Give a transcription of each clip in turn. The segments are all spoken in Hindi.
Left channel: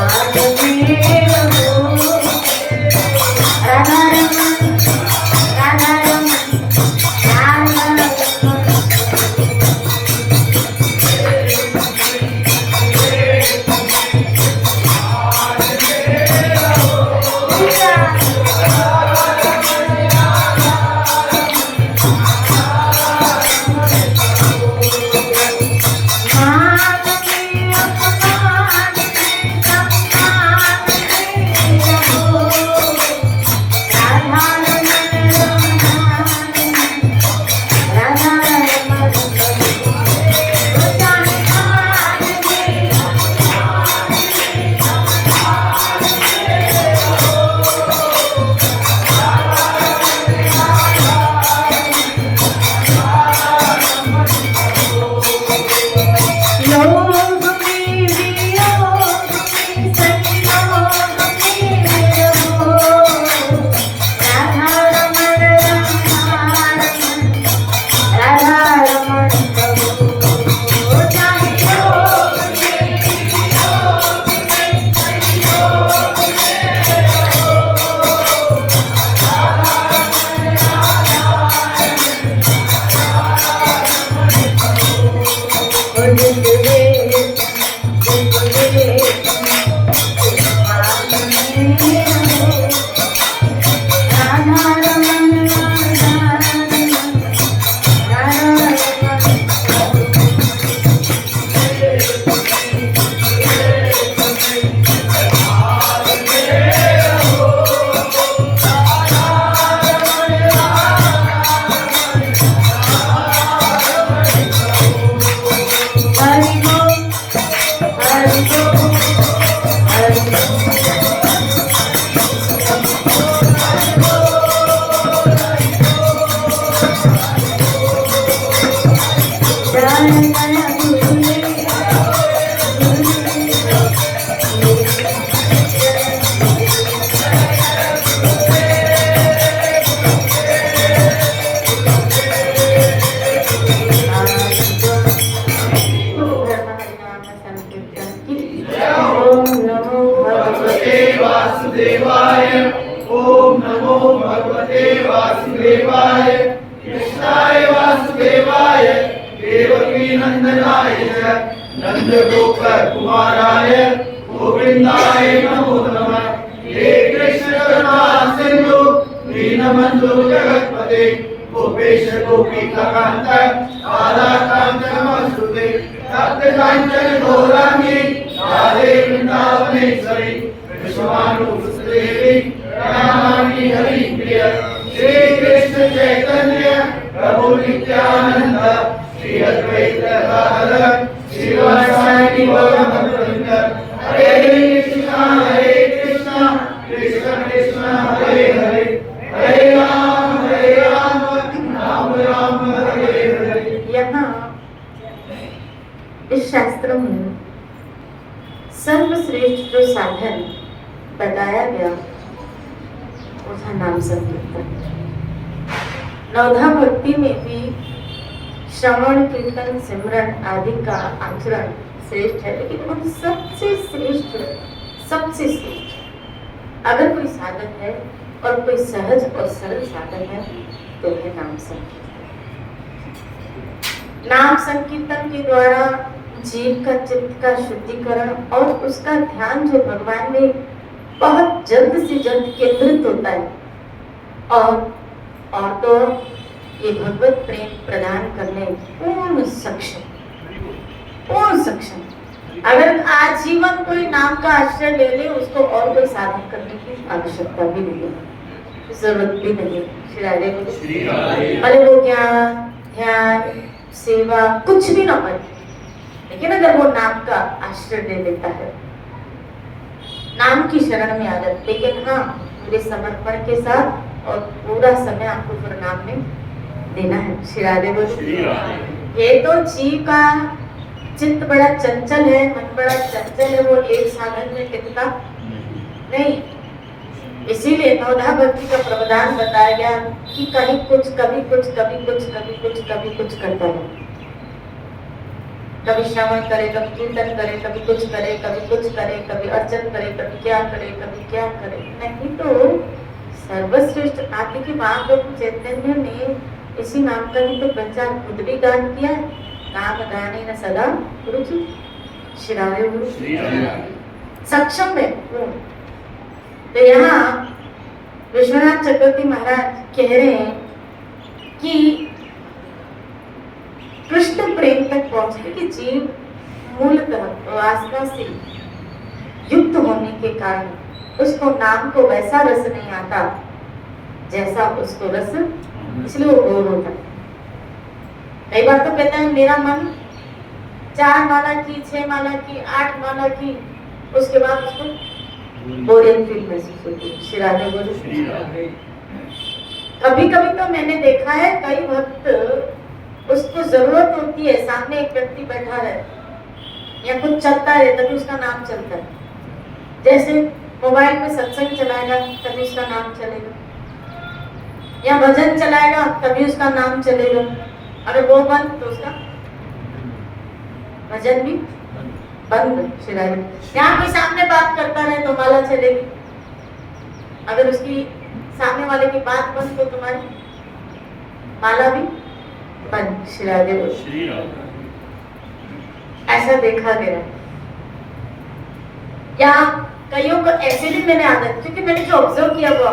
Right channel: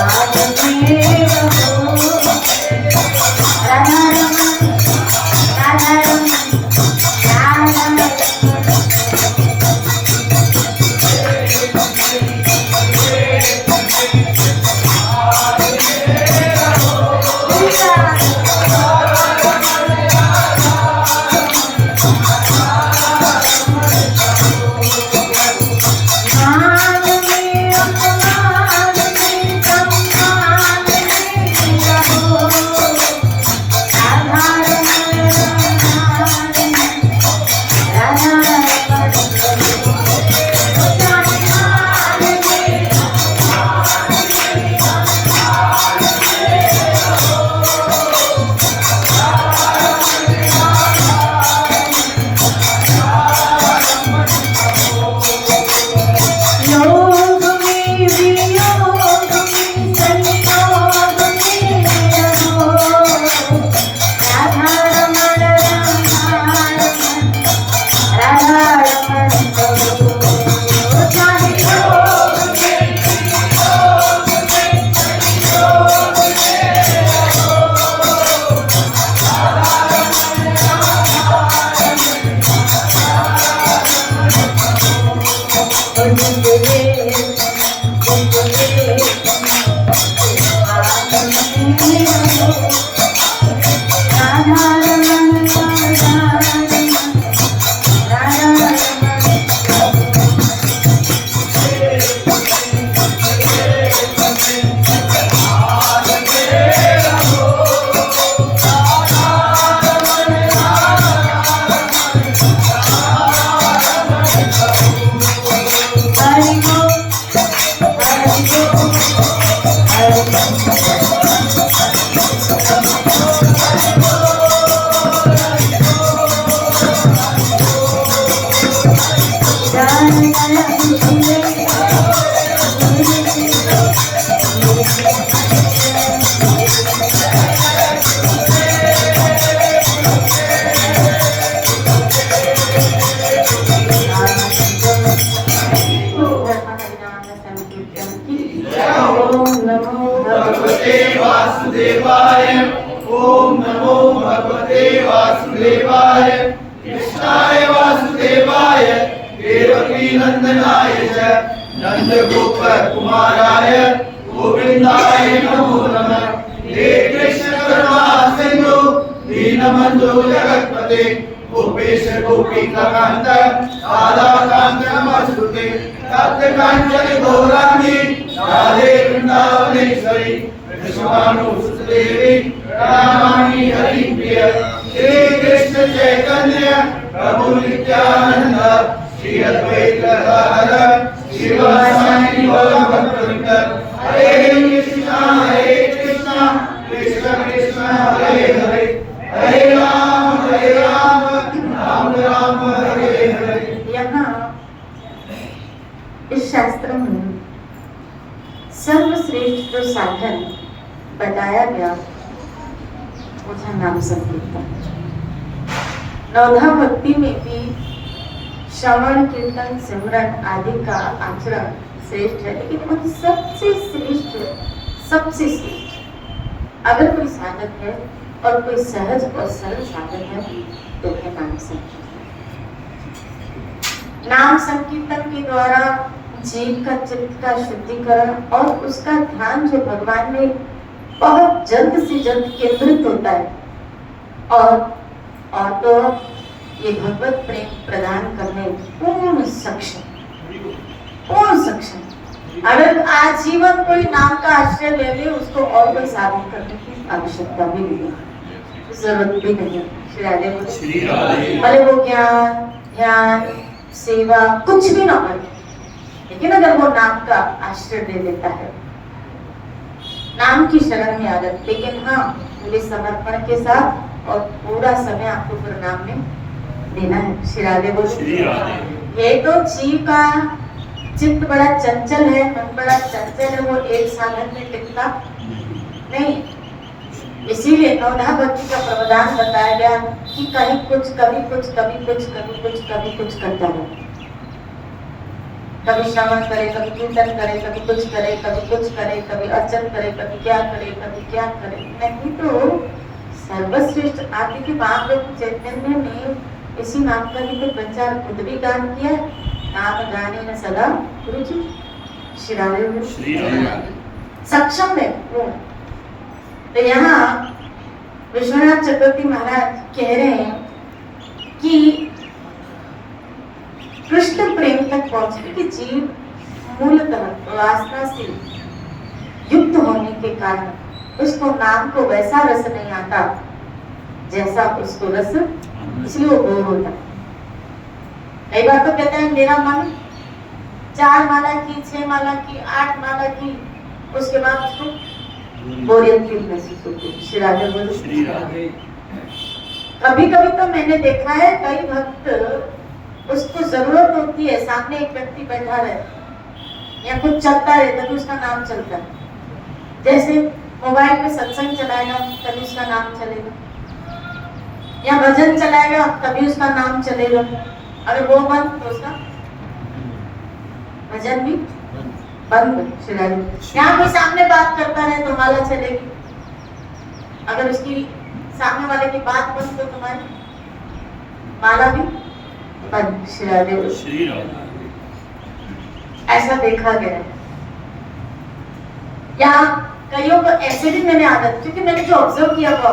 I वासुदेवाय ओम नमो भगवते वासुदेवाय कृष्णाय वासुदेवाय देवकी नंदनाय च नंदगोप कुमाराय गोविंदाय नमो नमः। हे कृष्ण करुणा सिंधु दीनबंधु जगत्पते गोपेश गोपिकान्त राधाकान्त नमस्तुते। तप्त कांचन गौरांगी राधे वृंदावनेश्वरी देवी प्रणमामि हरिप्रिय। श्री कृष्ण चैतन्य प्रभु नित्यानंद श्री अद्वैत गदाधर श्रीवासादि गौर भक्तवृंद। हरे कृष्ण कृष्ण कृष्ण हरे हरे हरे राम राम राम हरे हरे। यहाँ इस शास्त्र में सर्वश्रेष्ठ जो साधन बताया गया उसका नाम संकीर्तन। नवधा भक्ति में भी श्रवण कीर्तन सिमरन आदि का आचरण श्रेष्ठ है, लेकिन उन सबसे श्रेष्ठ अगर कोई साधन है और कोई सहज और सरल साधन है तो है नाम संकीर्तन। नाम संकीर्तन के द्वारा जीव का चित्त का शुद्धिकरण और उसका ध्यान जो भगवान में बहुत जल्द से जल्द केंद्रित होता है और तो ये भगवत प्रेम प्रदान करने पूर्ण सक्षम। अगर आजीवन कोई नाम का आश्रय ले ले उसको और कोई साधन करने की आवश्यकता भी नहीं है, जरूरत भी नहीं है। श्री राधे भले वो ज्ञान ध्यान सेवा कुछ भी ना करे, लेकिन अगर वो नाम का आश्रय ले लेता है, नाम की शरण में आ जाए, लेकिन हाँ पूरे समर्पण के साथ और पूरा समय आपको प्रणाम में देना है। श्री राधे बोलो। ये तो जीव का चित्त बड़ा चंचल है, मन बड़ा चंचल है, वो एक साधन में टिकता नहीं। इसीलिए नवधा भक्ति का प्रावधान बताया गया कि कहीं कुछ कभी कुछ कभी कुछ कभी कुछ कभी कुछ करता है। कभी श्रवण करे, कभी कीर्तन करे, कभी कुछ करे, कभी कुछ करे, कभी अर्चन करे, कभी क्या करे, कभी क्या करे। नहीं तो सर्वश्रेष्ठ आदि के महाप्रभु चैतन्य ने इसी नाम का भी तो प्रचार खुद भी गान किया है। नाम गाने न सदा रुचि। श्री राधे सक्षम है वो। तो यहाँ विश्वनाथ चक्रवर्ती महाराज कह रहे हैं कि कृष्ण प्रेम तक पहुंचने की जीव मूलतः वासना से युक्त होने के कारण उसको नाम को वैसा रस नहीं आता जैसा उसको रस, इसलिए वो बोर होता है। कई बार तो कहते हैं मेरा मन 4 माला की 6 माला की 8 माला की, उसके बाद उसको बोरियत फील महसूस होती है। श्री राधे बोलो। कभी कभी तो मैंने देखा है कई भक्त उसको जरूरत होती है, सामने एक व्यक्ति बैठा रहे या कुछ चलता रहे तभी उसका नाम चलता है। जैसे मोबाइल में सत्संग चलाएगा तभी उसका नाम चलेगा, या भजन चलाएगा तभी उसका नाम चलेगा। अगर वो बंद तो उसका भजन भी बंद। यहाँ कोई सामने बात करता रहे तो माला चलेगी, अगर उसकी सामने वाले की बात बंद तो तुम्हारी माला भी बंद। श्री राधे। ऐसा देखा गया। या कईयों को ऐसे भी मैंने आदत, क्योंकि मैंने जो ऑब्जर्व किया वो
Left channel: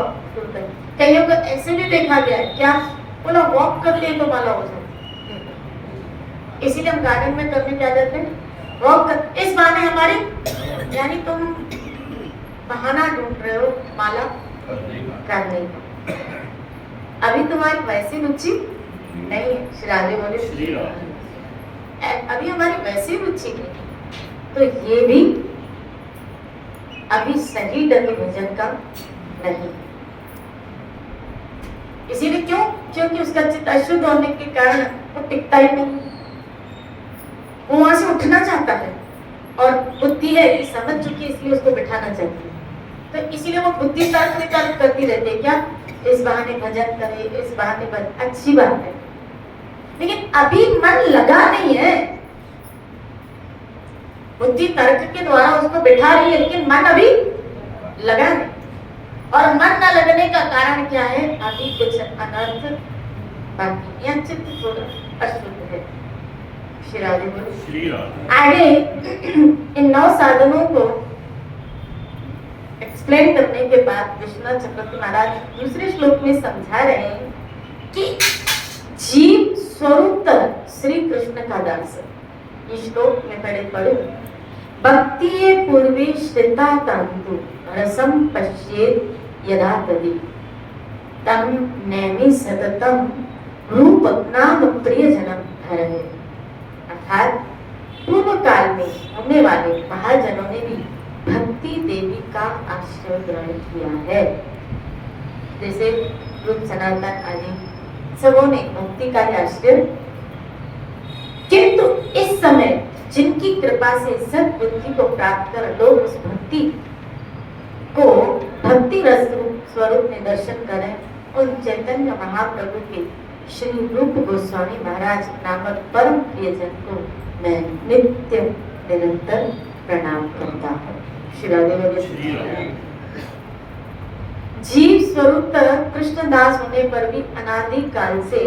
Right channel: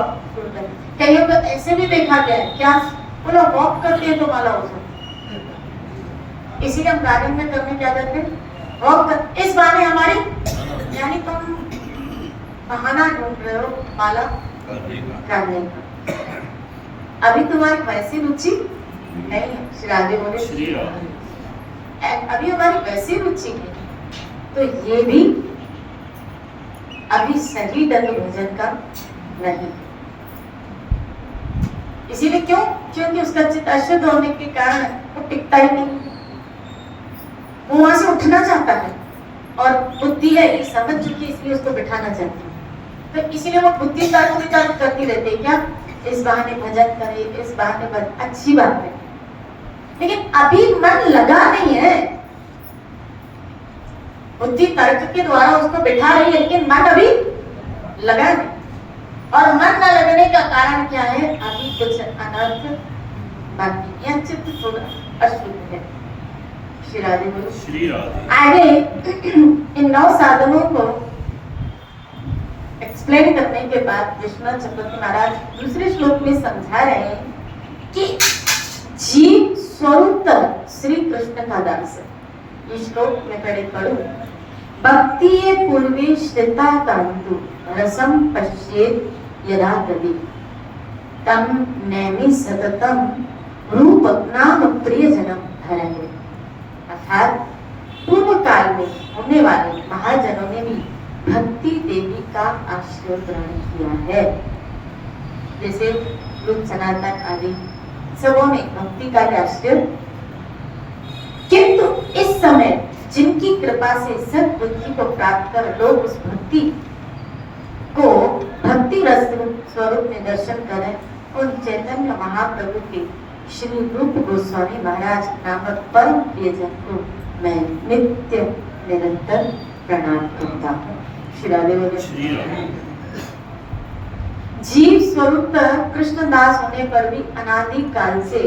कईयों को ऐसे भी देखा गया है, क्या वो लोग वॉक करते हैं तो माला हो जाती, इसीलिए हम गार्डन में करने क्या जाते हैं वॉक कर। इस बहाने हमारी यानी तुम बहाना ढूंढ रहे हो माला करने का, अभी तुम्हारी वैसी रुचि नहीं है। श्री राधे बोले। अभी हमारी वैसी रुचि नहीं, तो ये भी अभी सही ढंग भोजन का नहीं। इसीलिए क्योंकि उसका चित्त अशुद्ध होने के कारण वो टिकता ही नहीं, वो वहां से उठना चाहता है, और बुद्धि है ये समझ चुकी है, इसलिए उसको बिठाना चाहती है। तो इसीलिए वो बुद्धि तर्क वितर्क करती रहती है, क्या इस बहाने भजन करे, इस बहाने भजन, अच्छी बात है, लेकिन अभी मन लगा नहीं है। बुद्धि तर्क के द्वारा उसको बिठा रही है, लेकिन मन अभी लगा नहीं। और मन न लगने का कारण क्या है? अभी कुछ अनर्थ बाकी, या चित्त थोड़ा अशुद्ध है। श्री राधे। आगे इन 9 साधनों को एक्सप्लेन करने के बाद विश्वनाथ चक्रवर्ती महाराज दूसरे श्लोक में समझा रहे हैं कि जीव स्वरूपतः श्री कृष्ण का दास है। इस श्लोक में पहले पढ़ो, भक्ति पूर्वे श्रिता तंतु रसम पश्येत यदा तदि तम नैमि सततम रूप नाम प्रियजनम धरणे। अर्थात पूर्व काल में होने वाले महाजनों ने भी भक्ति देवी का आश्रय ग्रहण किया है। जैसे युग सनातन आदि सबों ने भक्ति का आश्रय, किंतु इस समय जिनकी कृपा से सद्बुद्धि को प्राप्त कर लोग उस भक्ति को भक्ति रस स्वरूप में दर्शन करें, उन चैतन्य महाप्रभु के श्री रूप गोस्वामी महाराज नामक परम प्रियजन को मैं नित्य निरंतर प्रणाम करता हूँ। श्री राधे। जीव स्वरूप कृष्णदास होने पर भी अनादि काल से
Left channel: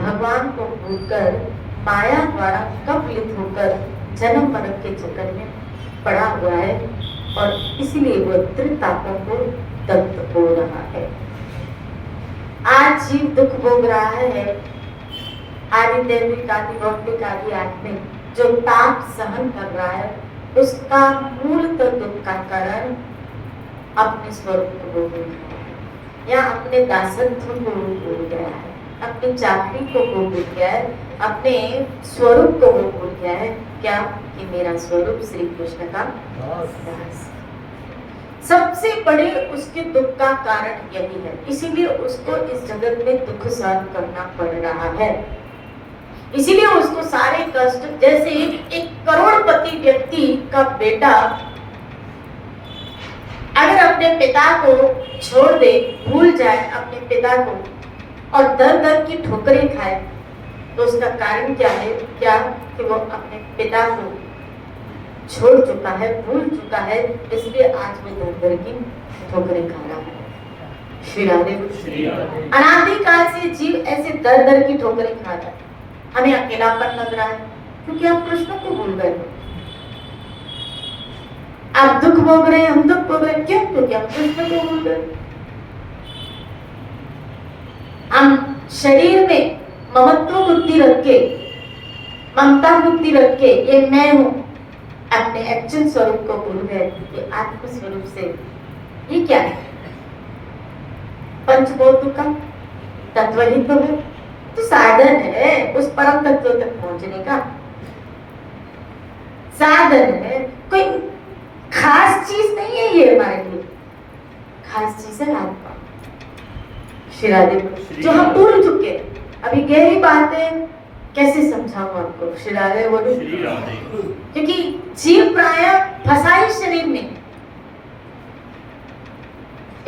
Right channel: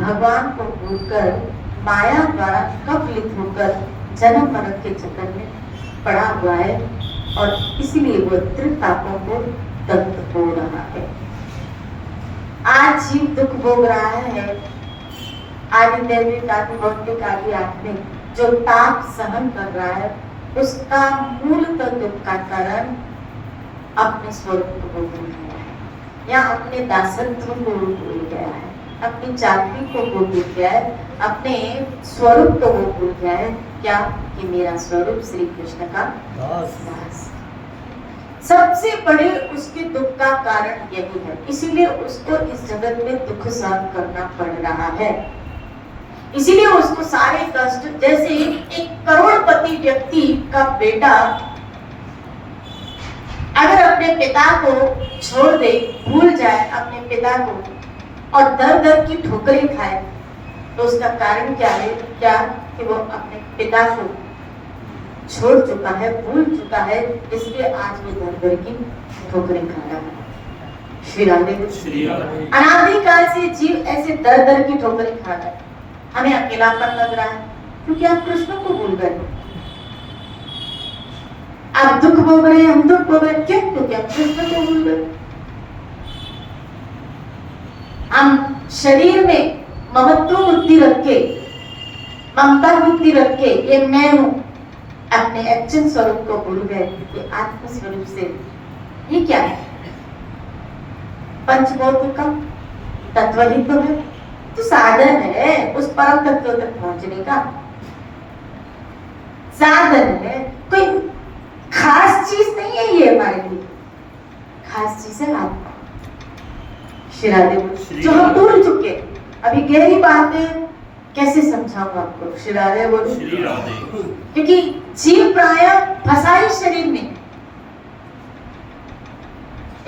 भगवान को भूलकर माया द्वारा कपलित होकर जन्म मरण के चक्कर में पड़ा हुआ है, और इसलिए वो त्रितापों को दग्ध हो रहा है। आज जीव दुख भोग रहा है। आदि दैविक आदि भौतिक आदि आत्मिक जो ताप सहन कर रहा है, उसका मूलतः दुख का कारण अपने स्वरूप को भूल गया है, या अपने दासत्व को भूल गया है, अपनी चाकरी को भूल गया है, अपने स्वरूप को भूल गया है। क्या कि मेरा स्वरूप श्री कृष्ण का दास। सबसे बड़े उसके दुख का कारण यही है, इसीलिए उसको इस जगत में दुख सहन करना पड़ रहा है। इसीलिए उसको सारे कष्ट, जैसे एक करोड़पति व्यक्ति का बेटा अगर अपने पिता को छोड़ दे, भूल जाए अपने पिता को और दर दर की ठोकरें खाए, तो उसका कारण क्या है? क्या कि वो अपने पिता को छोड़ चुका है, भूल चुका है, इसलिए आज भी दर दर की ठोकरें खा रहा है। श्री राधे। अनादि काल से जीव ऐसे दर दर की ठोकरें खा रहा है। हमें अकेलापन लग रहा है क्योंकि आप कृष्ण को भूल गए। आप दुख भोग रहे हैं, हम दुख भोग रहे हैं, क्यों? क्योंकि आप कृष्ण को भूल गए। हम शरीर में ममत्व बुद्धि रख के, ममता बुद्धि रख के, ये मैं हूं, अपने एक्चुअल स्वरूप को भूल गए कि आत्म स्वरूप से ये क्या है? पंचभूतों का तत्व ही तो है, तो साधन है उस परम तत्व तक पहुंचने का। साधन है, कोई खास चीज नहीं है ये हमारे लिए। खास चीज है आत्मा। श्री राधे। जो हम भूल चुके, अभी गहरी बातें कैसे समझाऊं आपको? श्री राधे बोलो। क्योंकि जीव प्राय फंसा ही शरीर में।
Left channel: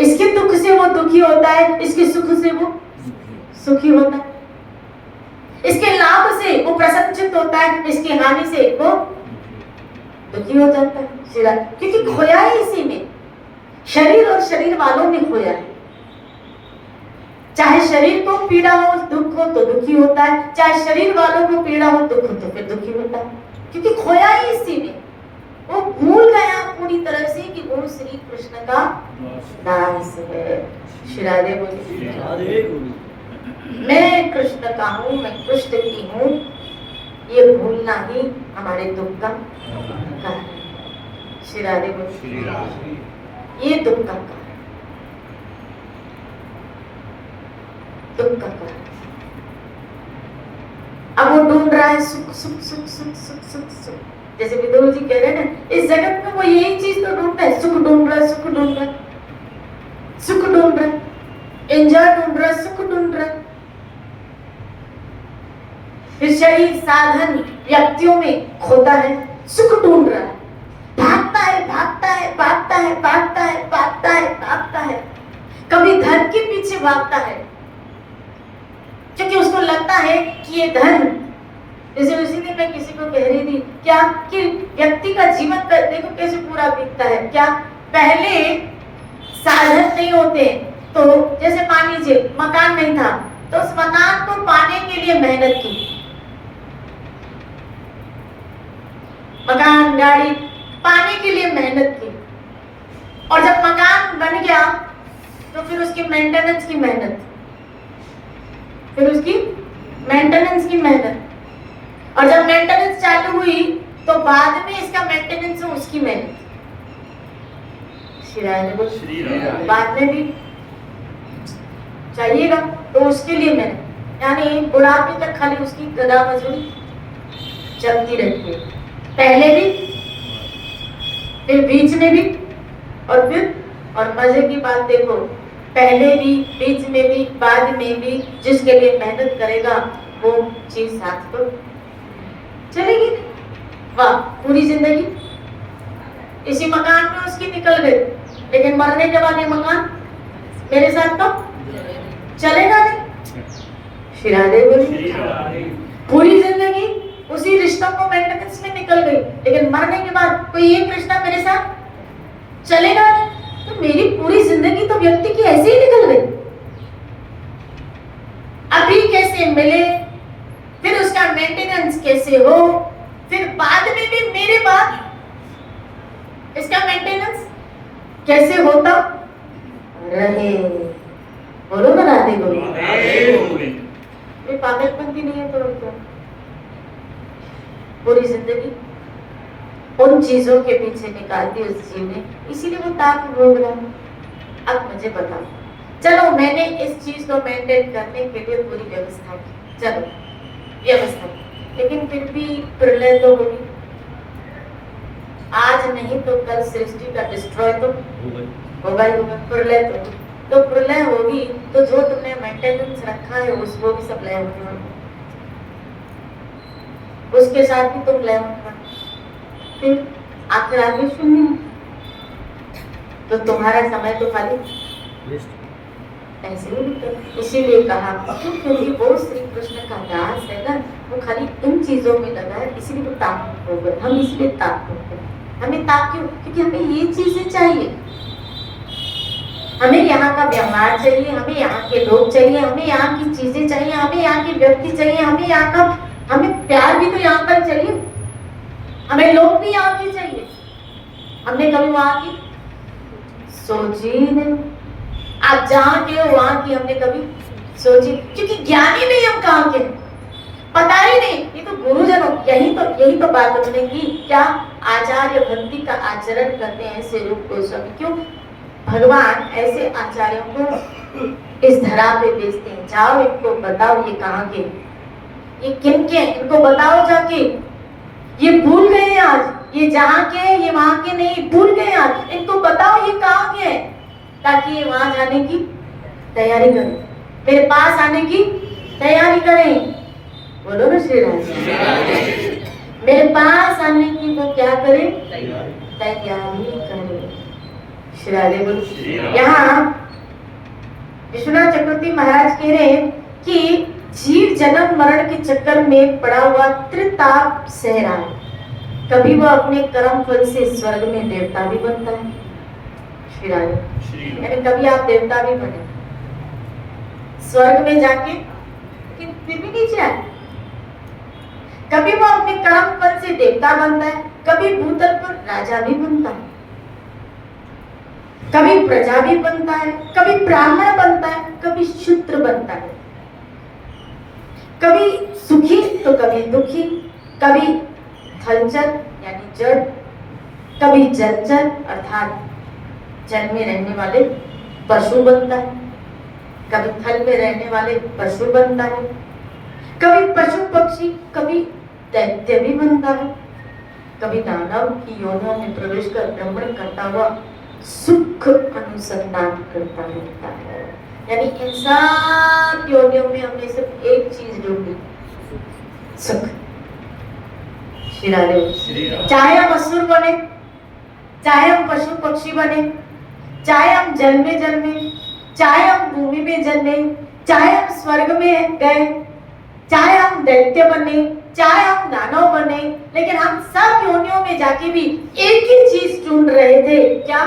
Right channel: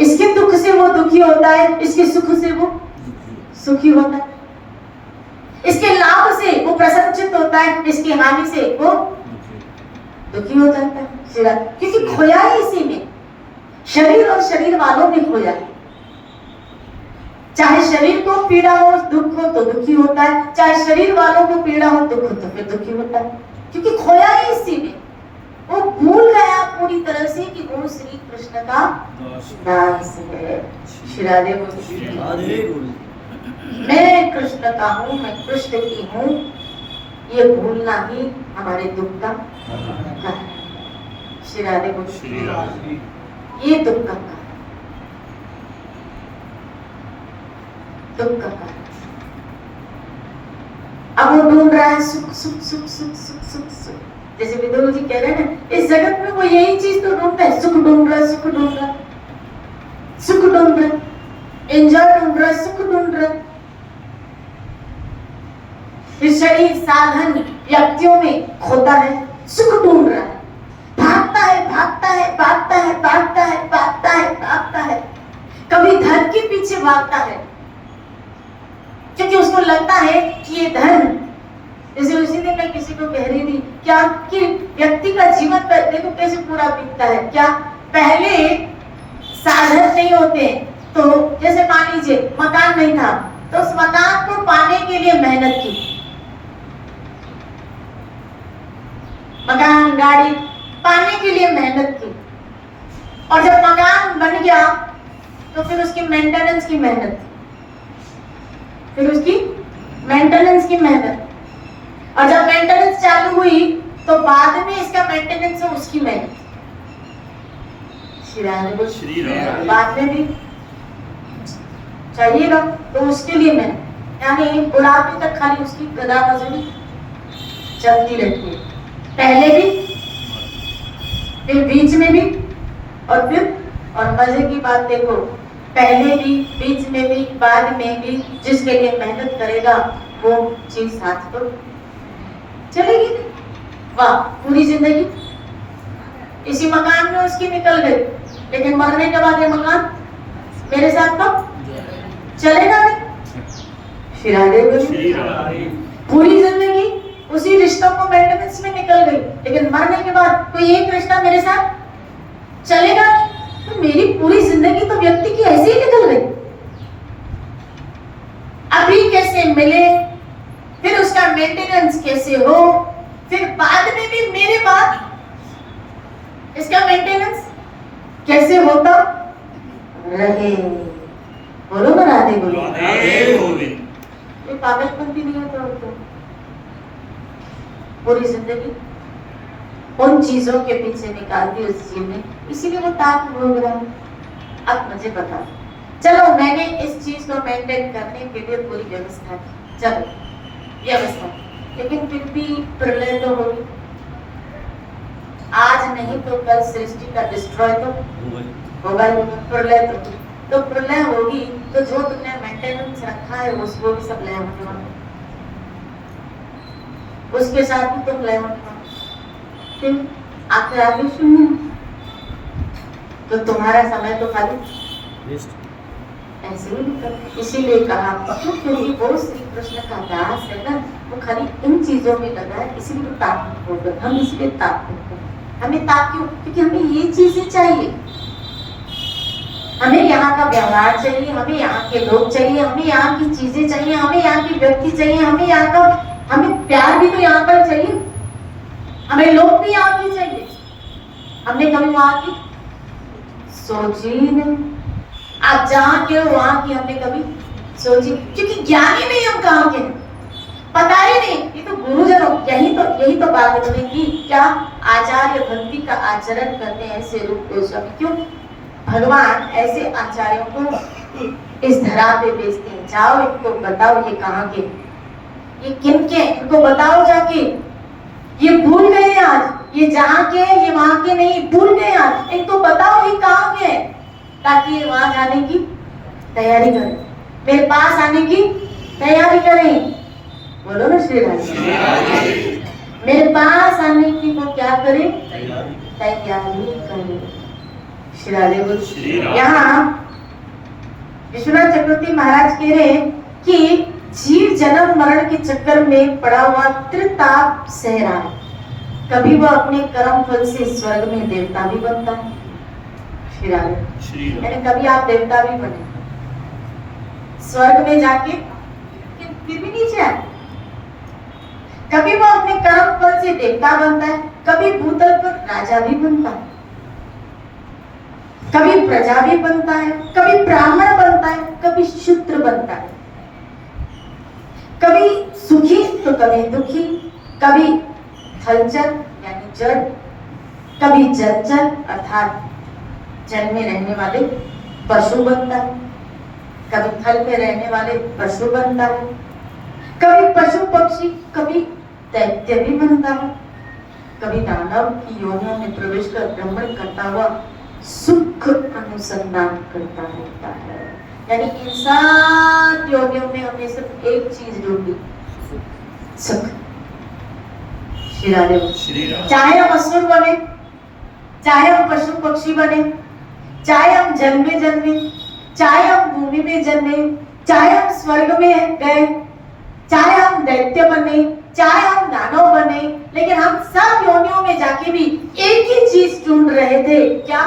इसके दुख से वो दुखी होता है, इसके सुख से वो सुखी होता है, इसके लाभ से वो प्रसन्नचित्त होता है, इसकी हानि से वो दुखी हो जाता है। क्योंकि खोया है इसी में, शरीर और शरीर वालों में खोया है। चाहे शरीर को पीड़ा हो, दुख हो तो दुखी होता है, चाहे शरीर वालों को पीड़ा हो, दुख हो तो फिर दुखी होता है, क्योंकि खोया है इसी में। वो भूल गया पूरी तरह से कि वो श्री कृष्ण का दास है। श्री राधे बोलो। मैं कृष्ण का हूँ, मैं कृष्ण की हूँ, ये भूलना ही हमारे दुख का कारण है। श्री राधे बोलो। ये दुख का कारण, दुख का कारण। अब वो ढूंढ रहा है सुख सुख सुख सुख सुख सुख सुख। जैसे विदुर जी कह रहे हैं ना, इस जगत में वो यही चीज तो ढूंढता है, सुख ढूंढ रहा है, सुख ढूंढ रहा है, सुख ढूंढ रहा है, एंजॉय ढूंढ रहा है, सुख ढूंढ रहा है। फिर शरीर साधन व्यक्तियों में खोता है, सुख ढूंढ रहा है, भागता है, भागता है, भागता है, भागता है, भागता है, कभी धन के पीछे भागता है, क्योंकि उसको लगता है कि ये धन, जैसे उसी दिन मैं किसी को कह रही थी क्या कि व्यक्ति का जीवन देखो कैसे पूरा बीतता है। क्या पहले साधन नहीं होते, तो जैसे मान लीजिए मकान नहीं था, तो उस मकान को पाने के लिए मेहनत की, मकान गाड़ी पाने के लिए मेहनत की, और जब मकान बन गया तो फिर उसकी मेंटेनेंस की मेहनत, फिर उसकी मेंटेनेंस की मेहनत, और जब मेंटेनेंस चालू हुई तो बाद में इसका मेंटेनेंस है उसकी मेहनत। श्री राम बाद में भी चाहिएगा तो उसके लिए मेहनत, यानी बुढ़ापे तक खाली उसकी गदा मजदूरी चलती रहती है, पहले भी, फिर बीच में भी, और फिर, और मजे की बात देखो, पहले भी, बीच में भी, बाद में भी जिसके लिए मेहनत करेगा वो चीज साथ तो चलेगी। वाह, पूरी जिंदगी इसी मकान में उसकी निकल गई, लेकिन मरने के बाद ये मकान मेरे साथ तो चलेगा नहीं। पूरी जिंदगी उसी रिश्तों को मेंटेनेंस में निकल गई, लेकिन मरने के बाद कोई एक रिश्ता मेरे साथ चलेगा नहीं। तो मेरी पूरी जिंदगी तो व्यक्ति की ऐसे ही निकल गई। अभी कैसे मिले, फिर उसका मेंटेनेंस कैसे हो, फिर बाद में भी मेरे बाद इसका मेंटेनेंस कैसे होता रहे। बोलो ना राधे बोलो। ये पागलपंती नहीं है तो क्या? पूरी जिंदगी उन चीजों के पीछे निकालती उस जीव ने, इसीलिए वो ताक भोग रहा। अब मुझे बताओ, चलो मैंने इस चीज को मेंटेन करने के लिए पूरी व्यवस्था की, चलो व्यवस्था, लेकिन फिर भी प्रलय तो होगी, आज नहीं तो कल सृष्टि का डिस्ट्रॉय तो होगा ही होगा, प्रलय तो प्रलय होगी, तो जो तुमने मेंटेनेंस रखा है उसको भी सब लय होगा, उसके साथ भी तुम लय होगा, फिर आखिर आगे सुनना, तो तुम्हारा समय तो खाली ऐसे ही निकल। इसीलिए कहा क्योंकि वो श्री कृष्ण का दास है ना, वो खाली इन चीजों में लगा है, इसीलिए वो ताक होगा। हम इसलिए ताक होते हैं, हमें ताक क्यों? क्योंकि हमें ये चीजें चाहिए, हमें यहाँ का व्यवहार चाहिए, हमें यहाँ के लोग चाहिए, हमें यहाँ की चीजें चाहिए, हमें यहाँ की व्यक्ति चाहिए, हमें यहाँ का, हमें प्यार भी तो यहाँ पर चाहिए, हमें लोग भी यहाँ के चाहिए। हमने कभी वहां की सोची नहीं, आप जहाँ के हो वहां की हमने कभी सोची, क्योंकि ज्ञानी नहीं हम कहाँ के, पता ही नहीं। ये तो गुरुजनों, यही तो बात होने की, क्या आचार्य भक्ति का आचरण करते हैं ऐसे रूप गोस्वामी। क्यों भगवान ऐसे आचार्यों को इस धरा पे भेजते हैं, जाओ इनको बताओ ये कहाँ के, ये किन के, इनको बताओ जाके, ये भूल गए आज, ये जहाँ के ये वहां के नहीं, भूल गए आज, इनको बताओ ये कहाँ के हैं, ताकि ये वहां जाने की तैयारी करें, मेरे पास आने की तैयारी करें। बोलो ना श्री राम, मेरे पास आने की वो क्या करें, तैयारी करें। श्री राधे। यहाँ विश्वनाथ चक्रवर्ती महाराज कह रहे हैं कि जीव जन्म मरण के चक्कर में पड़ा हुआ त्रिताप सह रहा है, कभी वो अपने कर्म फल से स्वर्ग में देवता भी बनता है, यानी कभी आप देवता भी बने, स्वर्ग में जाके फिर भी नीचे आए, कभी वो अपने कर्म फल से देवता बनता है, कभी भूतल पर राजा भी बनता है, कभी प्रजा भी बनता है, कभी ब्राह्मण बनता है, कभी शूद्र बनता है, कभी सुखी तो कभी दुखी, कभी थलचर यानी जड़, कभी जलचर अर्थात जल में रहने वाले पशु बनता है, कभी थल में रहने वाले पशु बनता है, कभी पशु पक्षी, कभी दैत्य भी बनता है, कभी दानव की योनियों में प्रवेश कर भ्रमण करता हुआ सुख अनुसंधान करता रहता है। यानी इंसान योनियों में हमने सिर्फ एक चीज ढूंढी, सुख। चाहे हम असुर बने, चाहे हम पशु पक्षी बने, चाहे हम जल में जन्मे, चाहे हम भूमि में जन्मे, चाहे हम स्वर्ग में गए, चाहे हम दैत्य बने, चाहे हम दानव बने, लेकिन हम सब योनियों में जाके भी एक ही चीज ढूंढ रहे थे, क्या?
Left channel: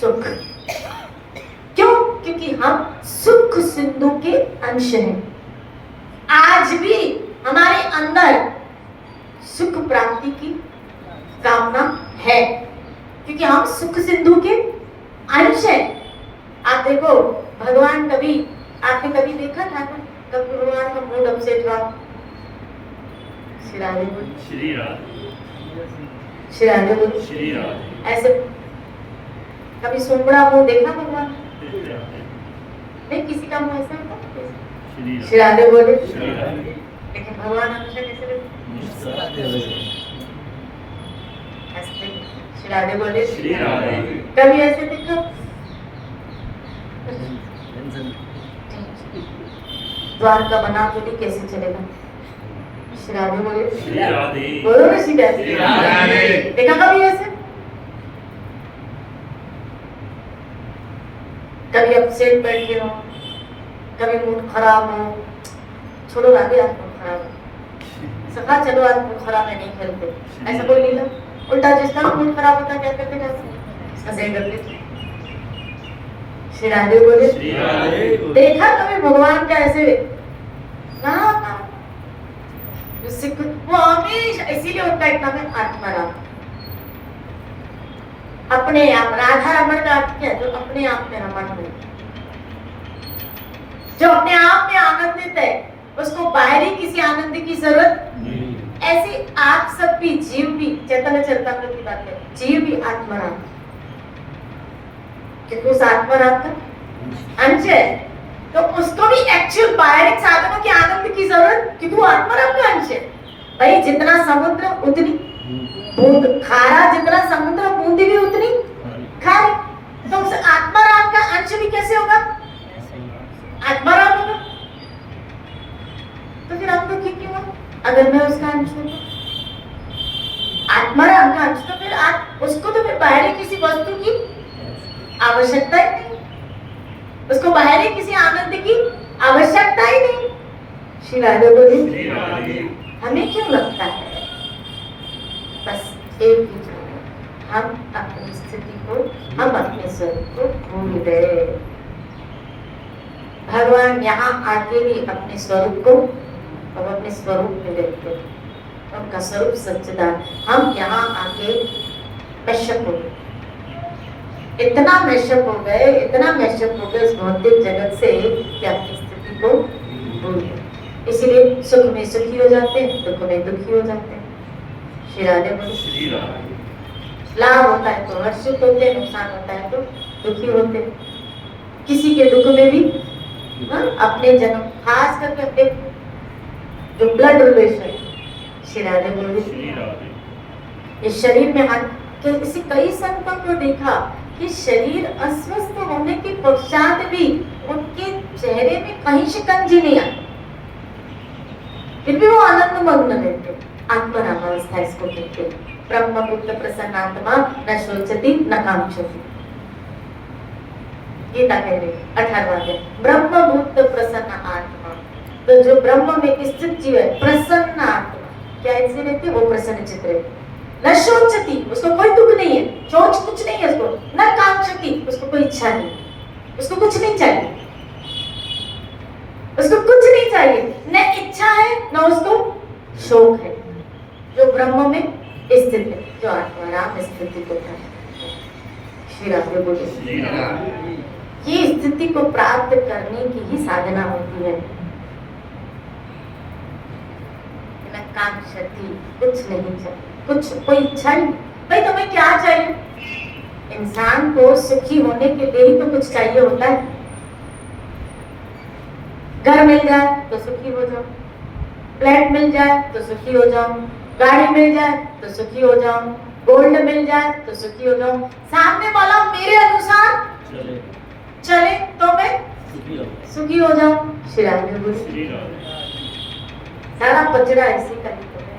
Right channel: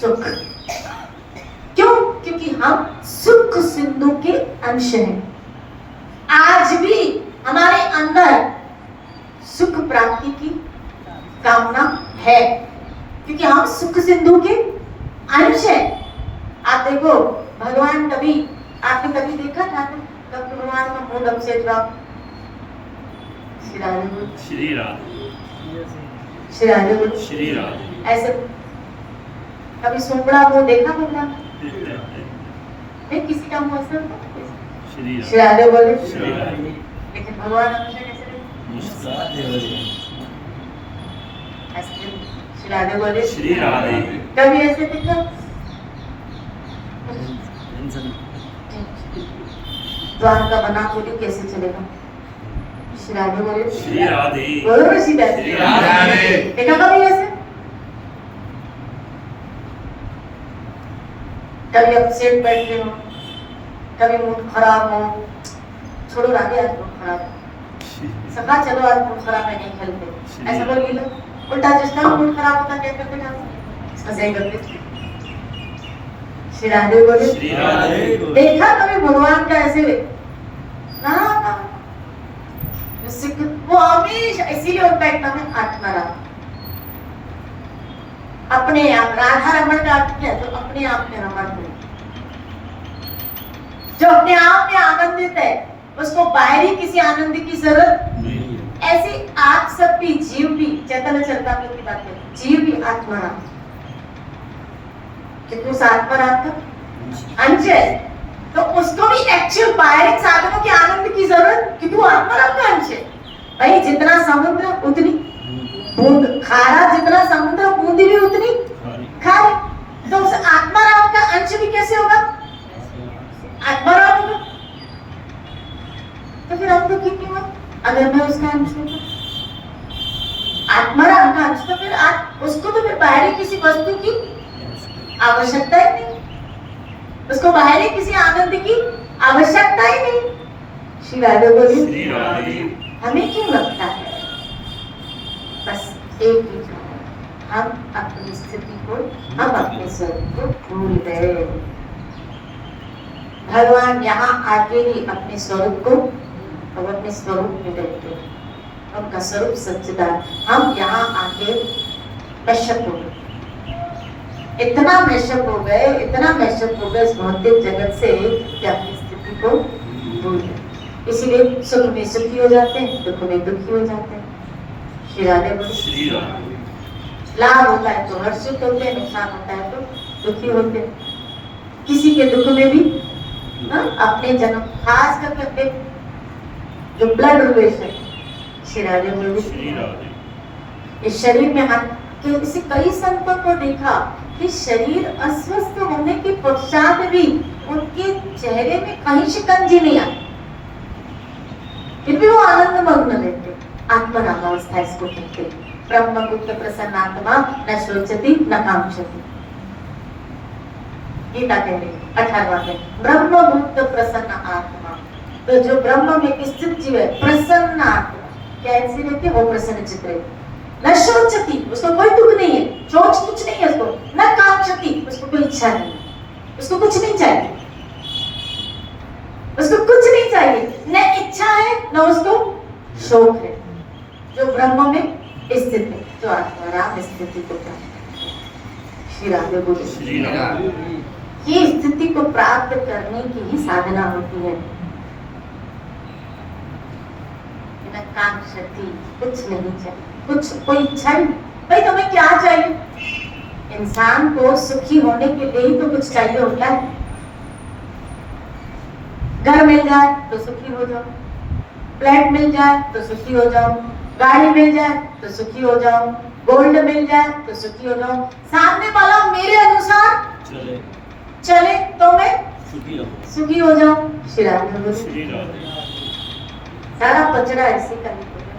सुख। क्यों? क्योंकि हम सुख सिंधु के अंश हैं। आज भी हमारे अंदर सुख प्राप्ति की कामना है, क्योंकि हम सुख सिंधु के अंश हैं। आप देखो, भगवान कभी, आपने कभी देखा था कभी भगवान का मूड अपसेट रहा? श्री राधे श्री राधे श्री राधे श्री राधे ऐसे कभी सुमड़ा मुंह देखा भगवान? नहीं, किसी का मुंह ऐसा होता है? श्री श्री राधे बोले, श्री राधे लेकिन भगवान हमेशा कैसे रहते? ऐसे श्री राधे बोले, श्री राधे कभी ऐसे देखा? द्वारका बना बोली कैसे चलेगा? श्री राधे बोले, श्री राधे बोलो ना सीधा। श्री राधे देखा कभी ऐसे? कभी अपसेट बैठे हो, कभी मूड खराब हो, छोड़ो राधे आज मूड खराब है, सखा चलो आज मूड खराब है, नहीं खेलते, ऐसा बोल लो। उल्टा जिसका मूड खराब होता क्या करते जाते? इसका सही करते। श्री राधे बोले, श्री राधे देखा कभी भगवान का ऐसे? ना वो हमेशा इसीलिए होता है एकदम आत्मराम, अपने आप। राधा रमन का अर्थ क्या है? जो अपने आप में रमन है, जो अपने आप में आनंदित है, उसको बाहरी किसी आनंद की जरूरत नहीं। ऐसे आप सब भी, जीव भी, चैतन्य चरितामृत की बात है, जीव भी आत्मराम, क्योंकि उस आत्मराम का अंश है, तो उसको भी एक्चुअल बाहरी साधनों के आनंद की जरूरत, क्योंकि वो आत्मराम का अंश है। भाई जितना समुद्र उतनी बूंद, खारा जितना समुद्र बूंदी भी उतनी खारी, तो उस आत्माराम का अंश भी कैसे होगा? आत्माराम होगा। तो फिर हम दुखी क्यों हैं अगर मैं उसका अंश हूँ? आत्माराम का अंश, तो फिर उसको तो फिर बाहरी किसी वस्तु की आवश्यकता ही नहीं, उसको बाहरी किसी आनंद की आवश्यकता ही नहीं। श्री राधे बोले, श्री राधे हमें क्यों लगता है? बस एक ही कारण, हम अपनी स्थिति को, हम अपने स्वरूप को भूल गए। भगवान यहाँ आके ही अपने स्वरूप को, और अपने स्वरूप में रहते, उनका स्वरूप सच्चिदानंद। हम यहाँ आके मैशअप हो गए, इतना मैशअप हो गए, इतना मैशअप हो गए इस भौतिक जगत से कि अपनी स्थिति को भूल गए। इसीलिए सुख में सुखी हो जाते हैं, दुख में दुखी हो जाते हैं। श्री राधे बोले, श्री राधे लाभ होता है तो हर्षित होते हैं, नुकसान होता है तो दुखी होते हैं। किसी के दुख में भी अपने जन्म, खास करके अपने जो ब्लड रिलेशन। श्री राधे बोले, श्री राधे इस शरीर में हाथ, तो इसे कई संतों को देखा कि शरीर अस्वस्थ होने के पश्चात भी उनके चेहरे में कहीं शिकंजी नहीं आई, फिर भी वो आनंद मग्न रहते। आत्मरामावस्था इसको कहते हैं। ब्रह्मगुप्त प्रसन्नात्मा न शोचति न कांक्षति, गीता कह रही 18वां अध्याय। ब्रह्मगुप्त प्रसन्न आत्मा, तो जो ब्रह्म में स्थित जीव है, प्रसन्न आत्मा, कैसे रहते? वो प्रसन्न चित्त रहते। न शोचति, उसको कोई दुख नहीं है, शोच कुछ नहीं है उसको, न कांक्षति, उसको कोई इच्छा नहीं, उसको कुछ नहीं चाहिए, उसको कुछ नहीं चाहिए, न इच्छा है न उसको शोक है। जो ब्रह्म में स्थित है, जो आत्माराम स्थिति को प्राप्त। श्री राधे बोले, श्री राधे ये स्थिति को प्राप्त करने की ही साधना होती है। न कांक्षति, कुछ नहीं चाहिए, कुछ कोई इच्छा नहीं। भाई तुम्हें क्या चाहिए? इंसान को सुखी होने के लिए ही तो कुछ चाहिए होता है। घर मिल जाए तो सुखी हो जाओ, फ्लैट मिल जाए तो सुखी हो जाओ, गाड़ी मिल जाए तो सुखी हो जाओ, गोल्ड मिल जाए तो सुखी हो जाओ, सामने वाला मेरे अनुसार चले तो मैं सुखी हो जाऊं। श्री राधे बोले, श्री राधे सारा कचरा इसी का ही तो है,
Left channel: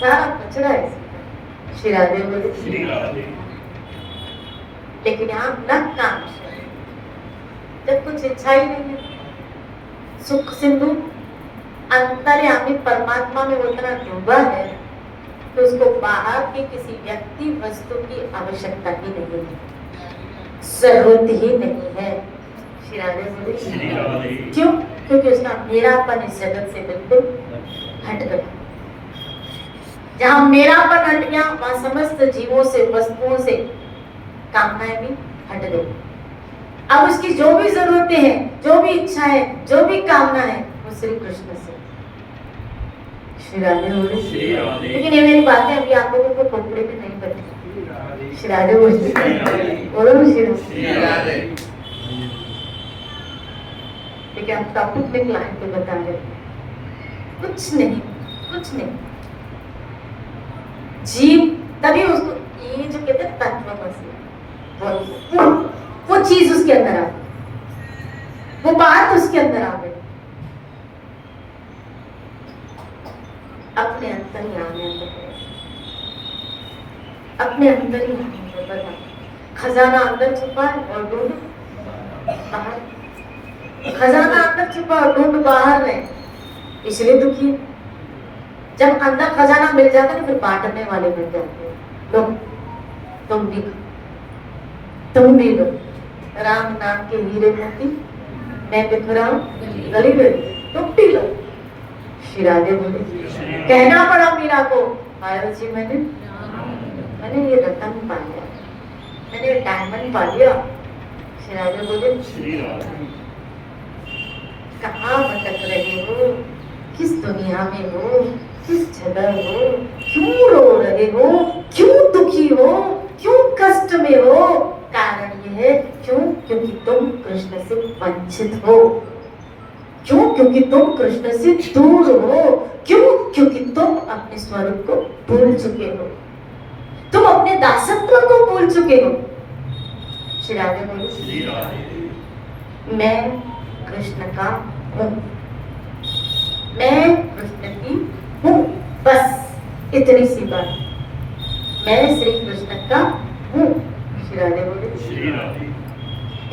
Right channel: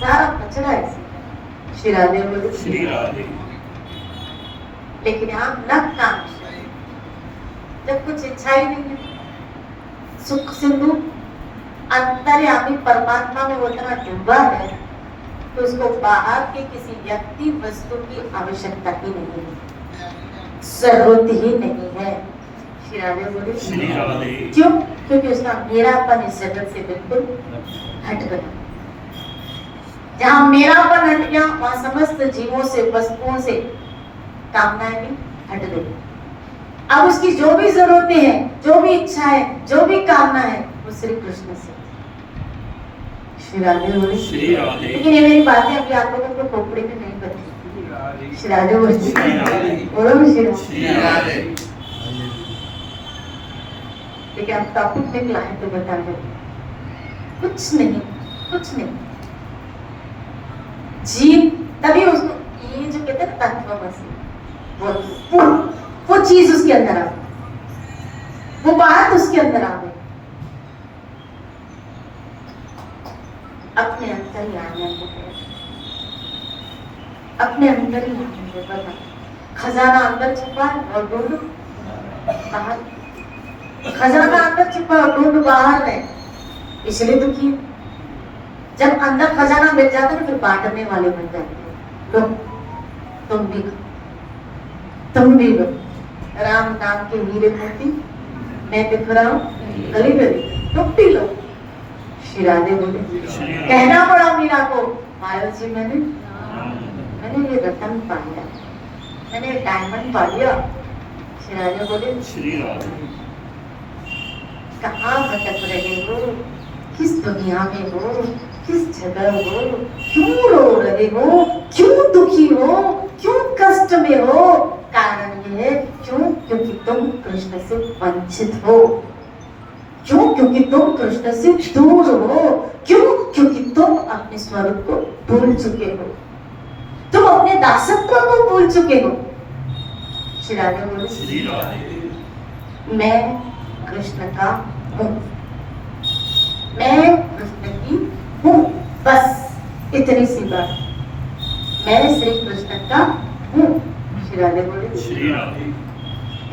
सारा कचरा इसी का। श्री राधे बोले। श्री राधे। लेकिन यहाँ न काम जब कुछ इच्छा ही नहीं है, सुख सिंधु अंतर्यामी परमात्मा में उतना डूबा है तो उसको बाहर के किसी व्यक्ति वस्तु की आवश्यकता ही नहीं है, जरूरत ही नहीं है। श्री राधे बोले। श्री राधे। क्यों? क्योंकि उसका मेरापन इस जगत से बिल्कुल हट गया। जहां मेरापन हट गया वहां समस्त जीवों से, वस्तुओं से कामनाएं भी हट गई। अब उसकी जो भी जरूरतें हैं, जो भी इच्छा है, जो भी कामना है, वो श्री कृष्ण से। श्री राधे बोले। श्री राधे। लेकिन ये मेरी बातें अभी आप लोगों को खोपड़ी में नहीं पड़ती। श्री राधे बोले। श्री राधे। बोलो श्री राधे। श्री राधे। लेकिन आप टॉपिक में लाए तो बताइए, कुछ नहीं, कुछ नहीं। जीव तभी उसको ये जो कहते हैं तत्वमसि, वो चीज उसके अंदर आ, वो बात उसके अंदर आ गई। अपने अंदर ही आने लगे, अपने अंदर ही आने लगे। खजाना अंदर छुपा है और ढूंढ बाहर, खजाना अंदर छुपा और ढूंढ बाहर है, इसलिए दुखी। जब अंदर खजाना मिल जाता है तो फिर बांटने वाले मिल जाते हैं। तुम भी लो राम नाम के हीरे मोती, मैं बिखराऊं गली गली, तुम भी लो। श्री राधे बोले। कहना पड़ा मीरा को, पायल जी मैंने ये रतन पा लिया, मैंने ये डायमंड पा लिया। श्री राधे बोले। श्री राधे। कहाँ भटक रहे हो, किस दुनिया में हो, किस जगह हो, क्यों रो रहे हो, क्यों दुखी हो, क्यों कष्ट में हो? कारण ये है, क्यों? क्योंकि तुम कृष्ण से वंचित हो। क्यों? क्योंकि तुम कृष्ण से दूर हो। क्यों? क्योंकि तुम अपने स्वरूप को भूल चुके हो, तुम अपने दासत्व को भूल चुके हो। श्री राधे बोले। श्री राधे। मैं कृष्ण का हूँ, मैं कृष्ण की हूँ, बस इतनी सी बात। मैं श्री कृष्ण का हूँ। श्री राधे बोले। श्री राधे।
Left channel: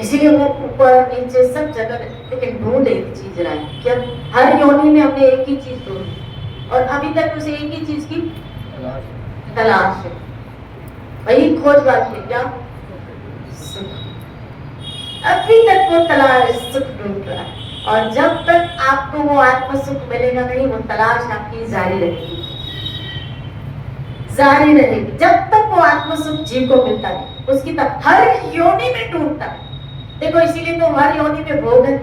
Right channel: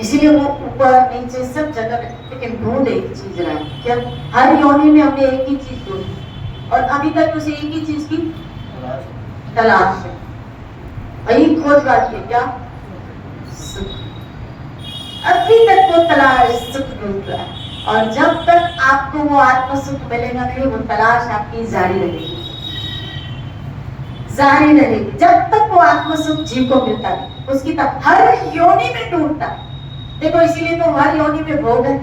इसीलिए वो ऊपर नीचे सब जगह, लेकिन ढूंढ एक चीज रहा है। क्या? हर योनि में हमने एक ही चीज ढूंढी और अभी तक उसे एक ही चीज की तलाश है, वही खोज बाकी है। क्या? सुख। अभी तक वो तलाश सुख ढूंढ रहा है, और जब तक आपको वो आत्म सुख मिलेगा नहीं, वो तलाश आपकी जारी रहेगी, जारी रहेगी। जब तक वो आत्म सुख जीव को मिलता है, उसकी तब हर योनि में ढूंढता है। देखो इसीलिए तो हर योनि में भोग है।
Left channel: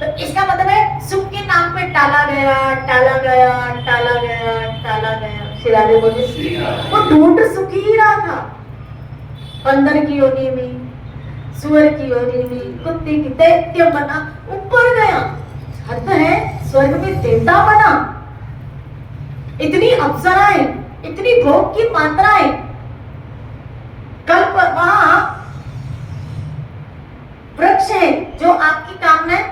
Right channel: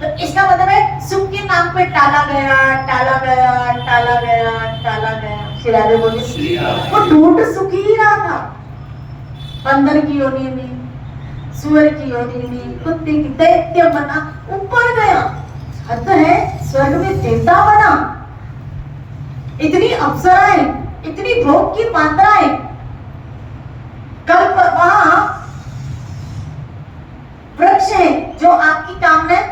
तो इसका मतलब है सुख के नाम पे टाला गया, टाला गया, टाला गया, टाला गया। श्री राधे बोले। वो ढूंढ सुख ही रहा था, बंदर की योनि में, सुअर की योनि में, कुत्ते की, दैत्य बना, ऊपर गया, हद है, स्वर्ग में देवता बना, इतनी अप्सराएं, इतनी भोग की मात्राएं, कल वहां वृक्ष है जो आपकी कामनाएं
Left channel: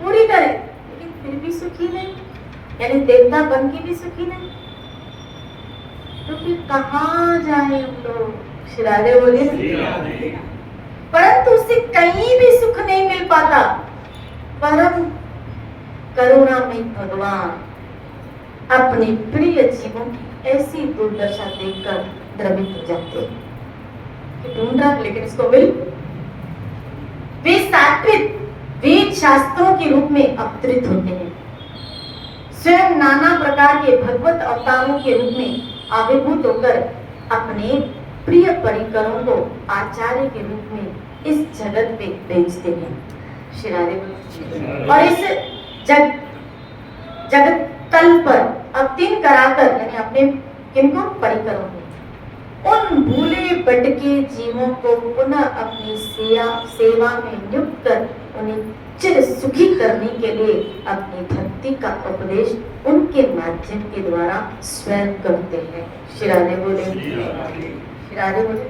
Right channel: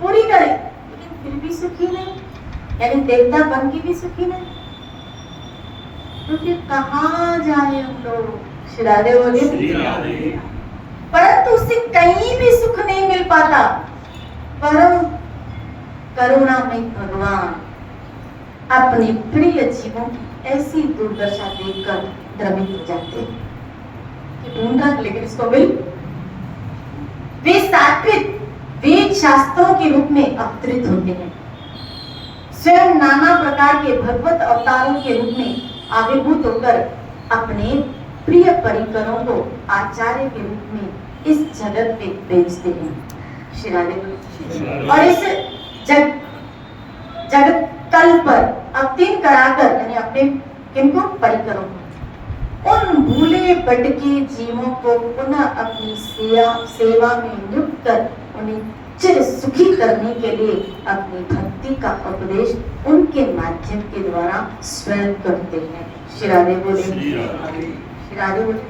पूरी करे, लेकिन फिर भी सुखी नहीं, यानी देवता बन के भी सुखी नहीं। तो फिर कहाँ जाए हम लोग? श्री राधे बोले। परंतु उसे कहीं भी सुख नहीं मिल पाता। परम करुणामय भगवान अपने प्रिय जीवों की ऐसी दुर्दशा देखकर द्रवित हो जाते हैं कि ढूंढ रहा, लेकिन इसको मिल। वे स्थापित वेद शास्त्रों के रूप में अवतरित होते हैं, स्वयं नाना प्रकार के भगवत अवतारों के रूप में आविर्भूत होकर अपने प्रिय परिकरों को आचार्य के रूप में इस जगत में भेजते हैं। श्री राधे बोले। और इस जगत तल पर अवतीर्ण कराकर, यानी अपने किनको? परिकरों को, उन भूले भटके जीवों को पुनः अपनी सेवा में नियुक्त कर उन्हें चिर सुखी करने के लिए अपनी भक्ति का उपदेश उनके माध्यम के द्वारा स्वयं करते हैं। श्री राधे बोले। श्री राधे बोले।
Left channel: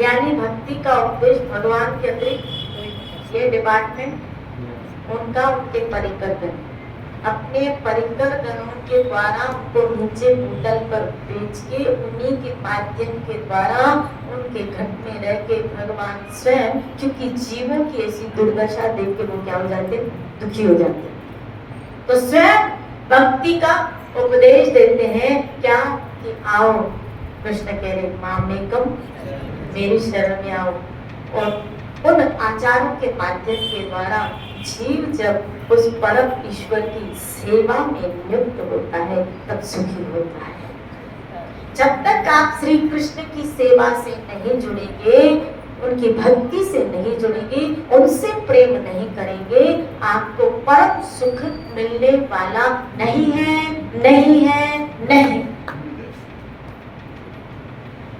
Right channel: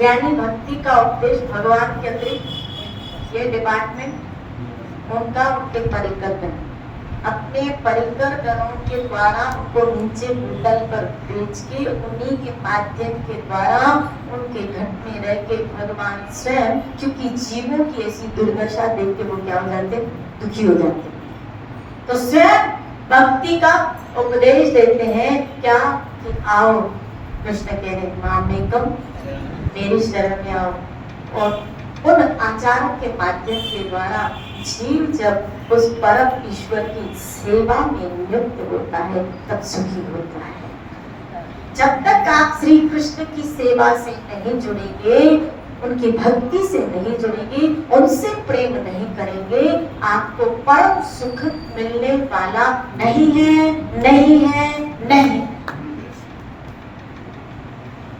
यानी भक्ति का उपदेश भगवान के अतिरिक्त ये डिपार्टमेंट उनका, उनके परिकर करें। अपने परिकर गणों के द्वारा उनको नीचे भूतल पर भेज के उन्हीं के माध्यम के द्वारा उनके घर में रह के भगवान स्वयं, क्योंकि जीवों की ऐसी दुर्दशा देख के वो क्या हो जाते, दुखी हो जाते, तो स्वयं भक्ति का उपदेश देते हैं क्या कि आओ, कृष्ण कह रहे मामेकम, मेरी शरण में आओ। और उन आचारों के माध्यम के द्वारा जीव जब उस परम ईश्वर की सेवा में नियुक्त होता है तब सुखी होता है। जब तक आप श्री कृष्ण की सेवा से नहीं जुड़ेंगे, उनकी भक्ति से नहीं जुड़ेंगे, उनसे प्रेम नहीं करेंगे, आपको परम सुख मिलने वाला नहीं है, नहीं है, नहीं।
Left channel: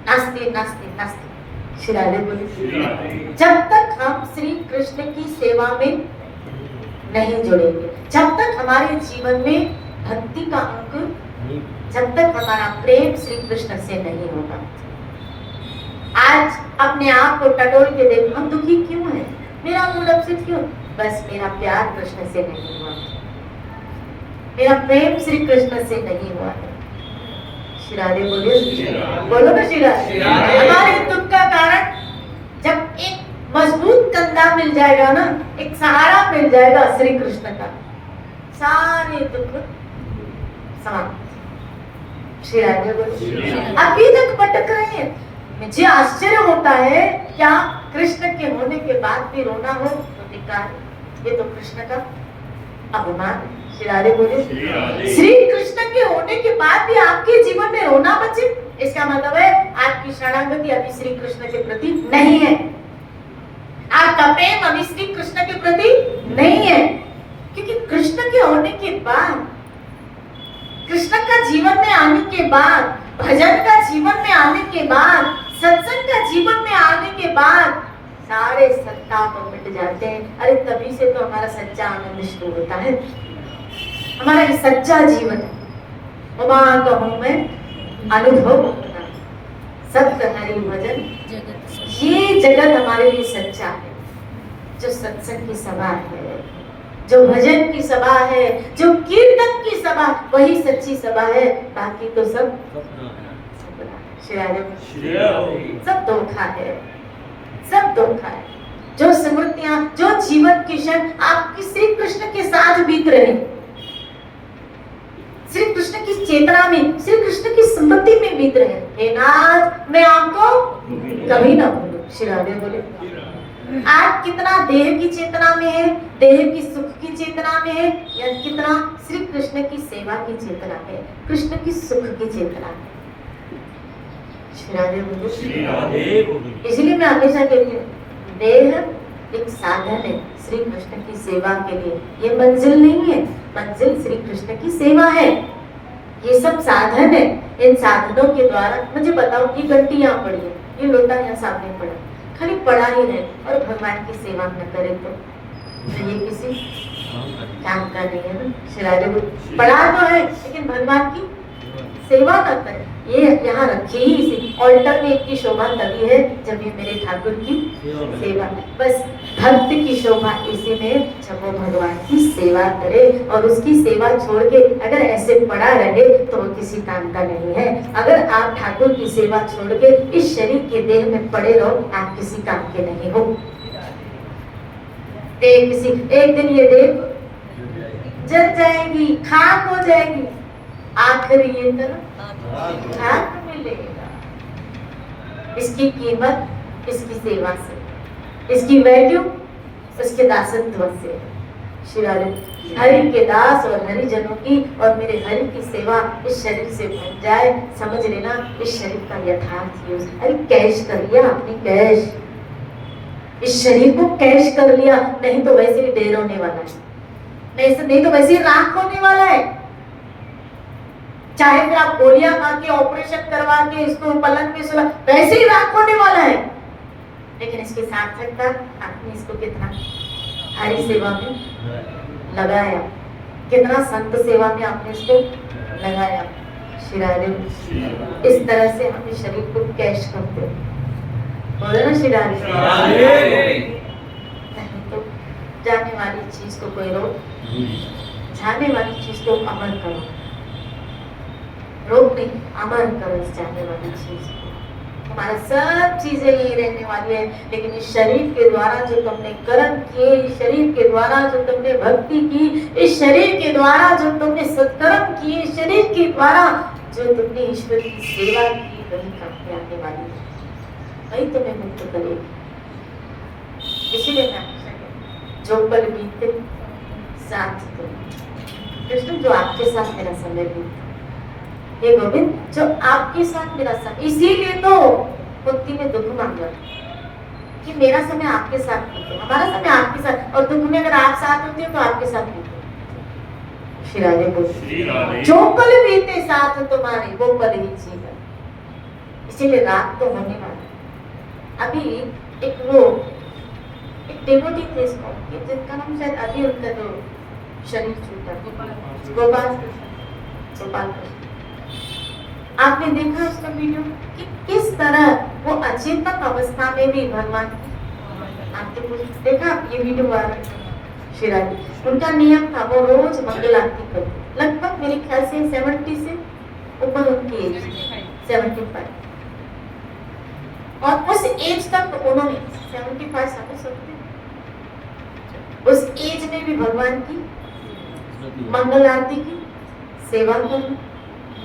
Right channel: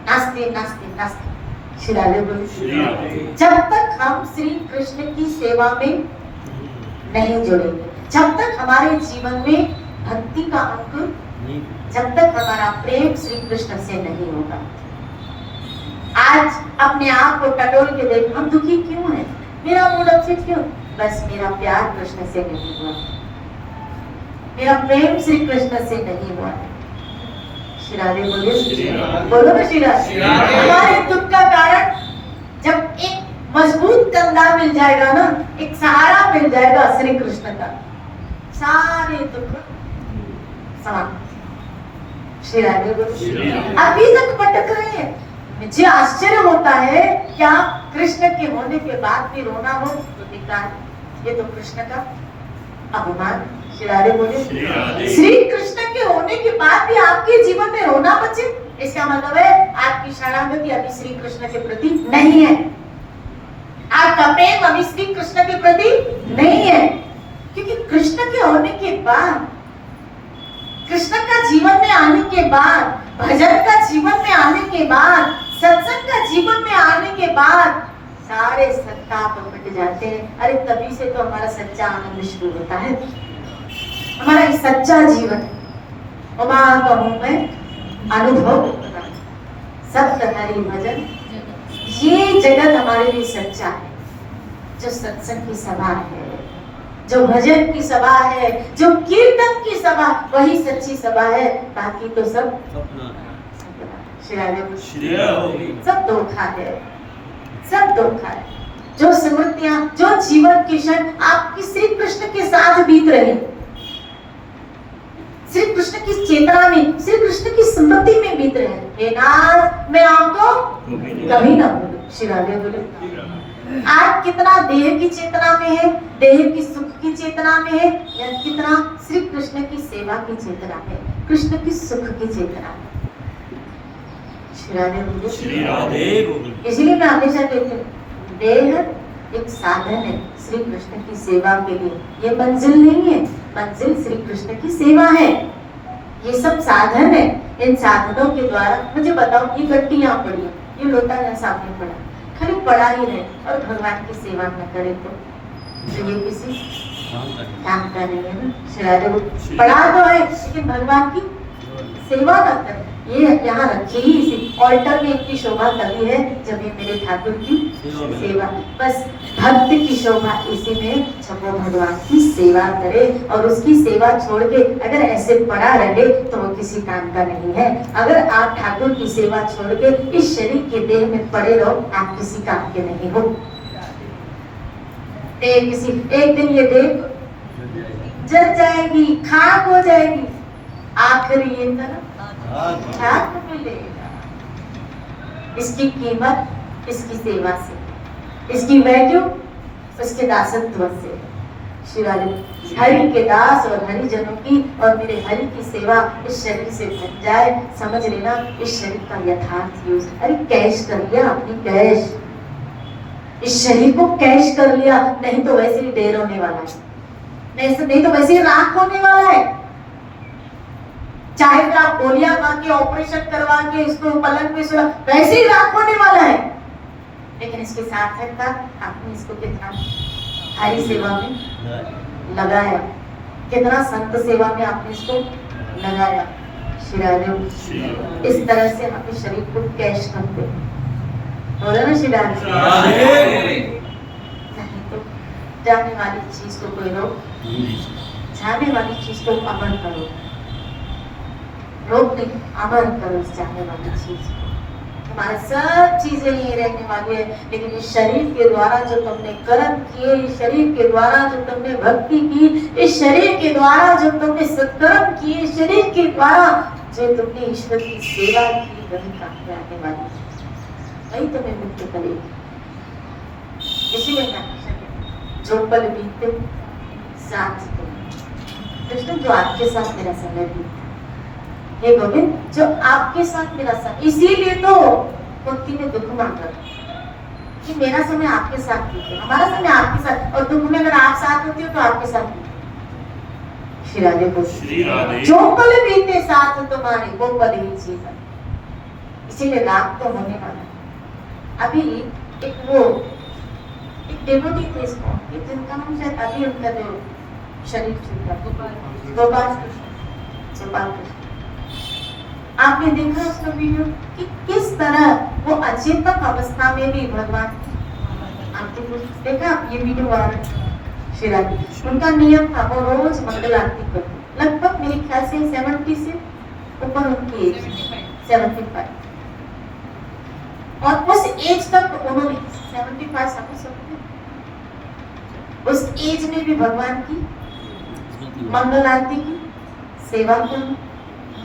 नास्ति नास्ति नास्ति, श्री राधे बोले। जब तक हम श्री कृष्ण की सेवा में नहीं जुड़ेंगे, जब तक हमारे जीवन में भक्ति का अंकुर, जब तक हमारा प्रेम श्री कृष्ण से नहीं होगा। आज अपने आप को टटोल के देखो, हम दुखी क्यों हैं, मेरा मूड अपसेट क्यों, बस मेरा प्यार कृष्ण से नहीं हुआ, मेरा प्रेम श्री कृष्ण से नहीं हुआ है। श्री राधे बोलिए, बोलो ना श्री राधे। हमारे दुख का कारण जब एक मजबूत कंधा मिल जाएगा ना, एक सहारा मिल जाएगा श्री कृष्ण का, सारे दुख समाप्त। श्री राधे बोलिए। अभी तक भटक रहे हैं, मुझे आश्चर्य होता है क्या कृष्ण के होने के बाद भी रोना हो तो बेकार, ये तो कृष्ण का अपमान। श्री राधे बोलिए। श्री कृष्ण के होने के बाद भी आपके जीवन में रोना बचे, इसका मतलब है आपकी शरणागति अभी श्री कृष्ण के प्रति नहीं है, आपका प्रेम अभी श्री कृष्ण के प्रति नहीं है। क्योंकि कृष्ण के होने के बाद, कृष्ण का जीवन में आने के बाद, भजन का जीवन में आने के बाद, सत्संग का जीवन में आने के बाद सारे संताप मिट जाते हैं। अरे तभी से तो हमारा सच्चा आनंद शुरू होता है, हमारा ये सच्चा जीवन कहूं मैं अनुभव होता है। सप्त हरि भजन, ये जगत हमारे लिए सच्चा है। जो सत्संग की सभा है, जो भजन की सभा है, जो कीर्तन की सभा, वही सच्ची सभा है, बाकी तो सब सब धोखा है, सब धोखा है। जो स्मृतियां, जो जीवन की क्षण आपकी श्री कृष्ण के साथ बीत रहे, श्री कृष्ण की चेतना में, श्री कृष्ण की स्मृति में बीत रहे, हे नाथ मैं आपको कभी ना भूलूं। श्री राधे बोले। आप कितना देह की चेतना में है, देह की सुख की चेतना में है, या कितना श्री कृष्ण की सेवा की चेतना में, कृष्ण की सुख की चेतना में। श्री राधे बोले। इसलिए मैं हमेशा कहती हूँ, देह एक साधन है श्री कृष्ण की सेवा के लिए, ये मंजिल नहीं है, मंजिल श्री कृष्ण की सेवा है। ये सब साधन है, इन साधनों के द्वारा, मुझे बताओ ये घंटी यहाँ पड़ी है, ये लोटा यहाँ सामने पड़ा, खाली पड़ा ही रहे और भगवान की सेवा न करे तो ये किसी काम का नहीं है ना। श्री पड़ा तो है लेकिन भगवान की सेवा न करे, ये यहाँ रखी ही इसी ऑल्टर में एक की शोभा तभी है जब ये मेरे ठाकुर की सेवा, बस भक्त की शोभा इसी में जब वो भगवान की सेवा करे, और उसकी सेवा छोड़ के अगर ऐसे पड़ा रहे तो वो किसी काम का नहीं है। अगर आप ठाकुर की सेवा छोड़ के इस शरीर के देह में पड़े रहो, आप किसी काम के नहीं हो। एक दिन ये देह जल जाएगी, खाक हो जाएगी, आखिरी ये तरह खाक मिलेगा। इसकी कीमत इसकी सेवा से, इसकी वैल्यू उसके दासत्व से। श्री हरि के दास और हरिजनों की और मेरे हरि की सेवा इस शरीर से बन जाए, समझ लेना इस शरीर का यथार्थ यूज। अरे कैश कर लिया अपनी, कैश, इस शरीर को कैश कर लिया, नहीं तो वैसे ही ढेर होने वाला है, नहीं तो वैसे ही राख होने वाला है। चाहे फिर आप गोलियां खा के ऑपरेशन करवा के इसको पलंग पे सुला, वैसे ही राख होने वाला है। लेकिन इसकी सार्थकता आपने इसको कितना हरि सेवा में लगाया, कितना संत सेवा में आपने इसको लगाया। श्री इस तरह से अपने शरीर को कैश करते बोलो ना। श्री नहीं तो जाने वाली चीज को कोई रोक जाने वाली चीज को अमर करो, रोक नहीं, अमर करो इस जाने वाली चीज को। तुम्हारी सब चीजें यही रहने वाली है, लेकिन इस शरीर के द्वारा जो तुमने कर्म किए, इस शरीर के द्वारा जो तुमने भक्ति की, इस शरीर के द्वारा जो तुमने सत्कर्म किए, इस शरीर के द्वारा जो तुमने ईश्वर की सेवा की, वही काफी आने वाली है, वही तुम्हें मुक्त करेगी। इसीलिए मैं हमेशा कहती हूँ, जो पल बीते साथ तुम, कृष्ण जो आपके साथ मेरा समय बीते, हे गोविंद जो आपके साथ मेरा समय, इसीलिए तो कुंती ने दुख मांगा कि मेरा समय आपके साथ बीते, हमारा समय आपके साथ, और दुख में अगर आप साथ होते हो तो आपके साथ बीते। श्री राधे बोले, जो पल बीते साथ तुम्हारे वो पल ही जीवन। इसीलिए रात तो होने वाला है। अभी एक डेवोटी थे इसको, जिनका नाम शायद अभी उनका जो शरीर छूटा, गोपाल कृष्ण, आपने देखा उसका वीडियो कि किस तरह वो अचेतन अवस्था में भी भगवान, आपने देखा ये वीडियो वायरल, श्री राधे, उनका नियम था वो रोज मंगल आरती करते, लगभग मेरे ख्याल से 70 से ऊपर उनकी एज, 75, और उस एज तक उन्होंने 75 समझ सकते, उस एज में भी भगवान की मंगल आरती की सेवा करना,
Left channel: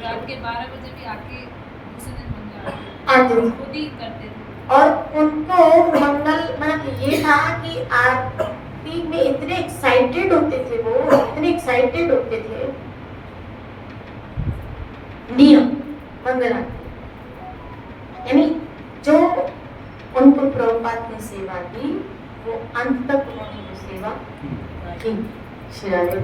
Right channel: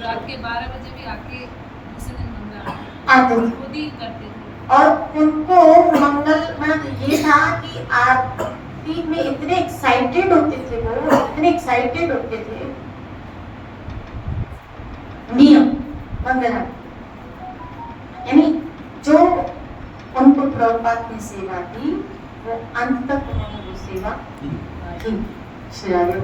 रात के 12 बजे भी आके किसी दिन मंगल आते थे। खुद ही करते थे। और उनको मंगल मतलब ये था कि आरती में इतने एक्साइटेड होते थे, वो इतने एक्साइटेड होते थे। नियम मंगल आरती, यानी जो उनको प्रभुपाद ने सेवा दी वो अंत तक उन्होंने वो सेवा की। श्री राधे,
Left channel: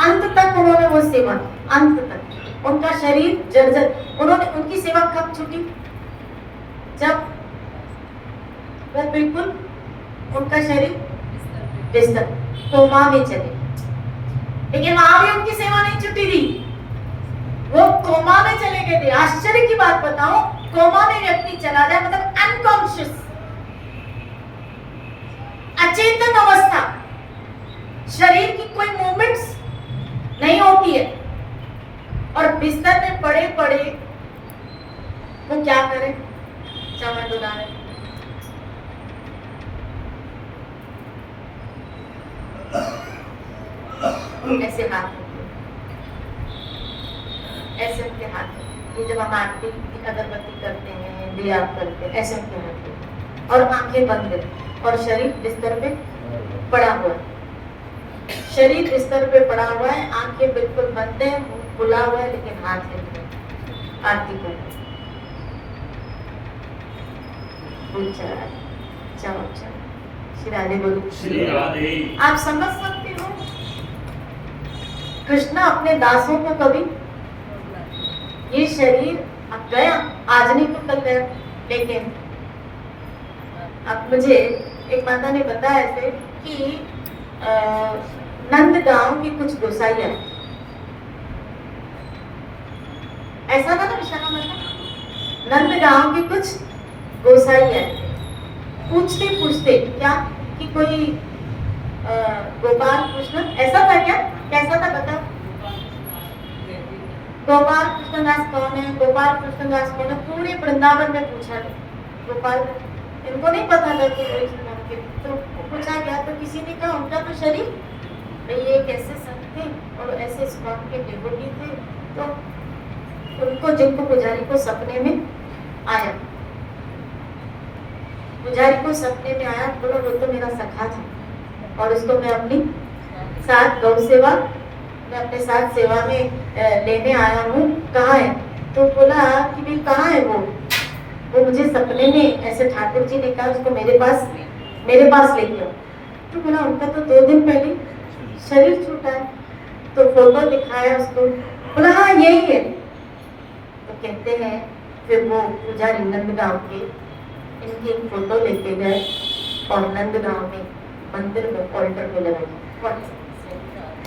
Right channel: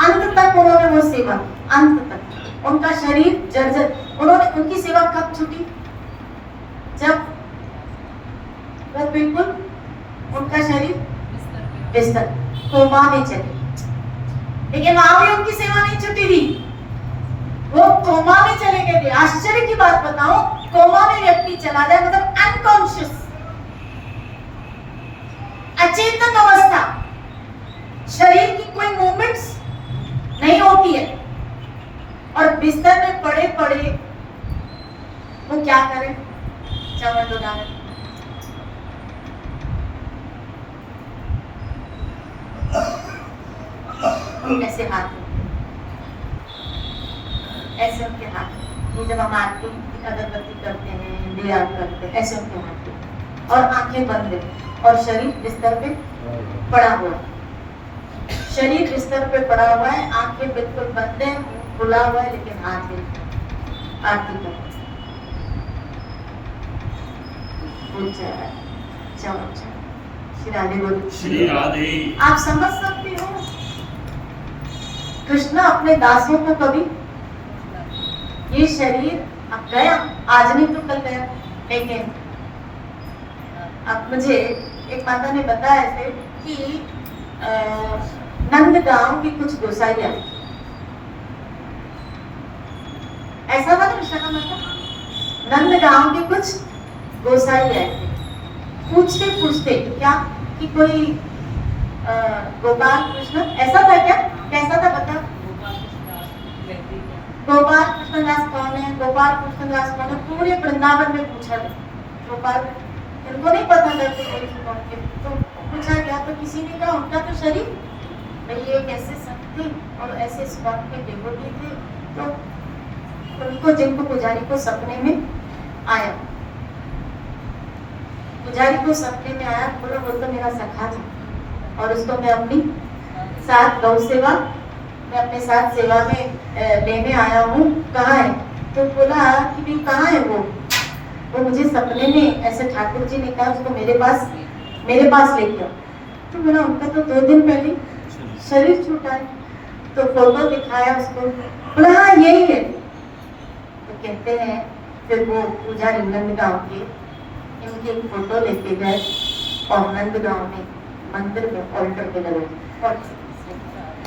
अंत तक उन्होंने वो सेवा, अंत तक उनका शरीर जर्जर, उन्होंने उनकी सेवा कब छूटी, जब वो बिल्कुल उनका शरीर बिस्तर कोमा में चले, लेकिन वहां भी उनकी सेवा नहीं छूटी थी, वो कोमा में चले गए थे। आश्चर्य की बात बताओ, कोमा में व्यक्ति चला जाए मतलब अनकॉन्शियस, अचेतन अवस्था, शरीर की कोई मूवमेंट्स नहीं होती है, और बिस्तर में पड़े पड़े वो क्या करें, चमड़ डोला रहे, ऐसे हाथ, ऐसे उनके हाथ, ये जब हम आरती अगरबत्ती करते हैं, दिया करते हैं, ऐसे उनके हाथ, और आंखें बंद है, और शरीर बिस्तर पे पड़ा हुआ है, शरीर बिस्तर पे पड़ा हुआ है, आंखें बिल्कुल बंद है, मुंह खुला हुआ है, लेकिन हाथ हिल रहे हैं, आरती कर रहे हैं। श्री राधे बोली, श्री राधे। आप समझ सकते हो कृष्ण अपने दासों को कभी, ये शरीर अब गया, आज नहीं तो कल गया, लेकिन अब मुझे एक माता ने बताया ऐसे कि नंदगांव की कुछ गोसाई आई, ऐसा था ना विशाखा माता, नंदगांव के कुछ गोसाई आए, पूछते पूछते क्या कि कोई गोपाल कृष्ण, ऐसा था क्या, कैसा था बता, गोपाल कृष्ण दास कौन है, गोपाल कृष्ण दास कौन है, पूरे वृंदावन में पूछा था, गोपाल, इनको नहीं पता था तो पूछा गया, तो किसी ने कहा उनका तो शरीर, भाई ये कैसे सकते और ऐसे स्पॉट के डिवोटी थे, तो उनको, जिनको पुजारी को सपने में आया, पुजारी को सपने में आया, बोला वो तो मेरा सखा था, और उसको मैं अपनी साथ गौ सेवा, मैं अपने साथ सेवा में लेने आया हूँ, कहाँ है, तो बोला कि भाई कहाँ है वो मुझे सपने में ऐसे ठाकुर जी ने कहा उसको मेरे पास लेके आओ, तो बोला उनका तो 2 दिन पहले शरीर छूटा है, तो फोटो दिखाया उसको, बोला हाँ यही है, तो कहते हैं फिर वो पुजारी नंदगांव के इनकी एक फोटो लेके गए, और नंदगांव में मंदिर में ऑल्टर पे लगाई,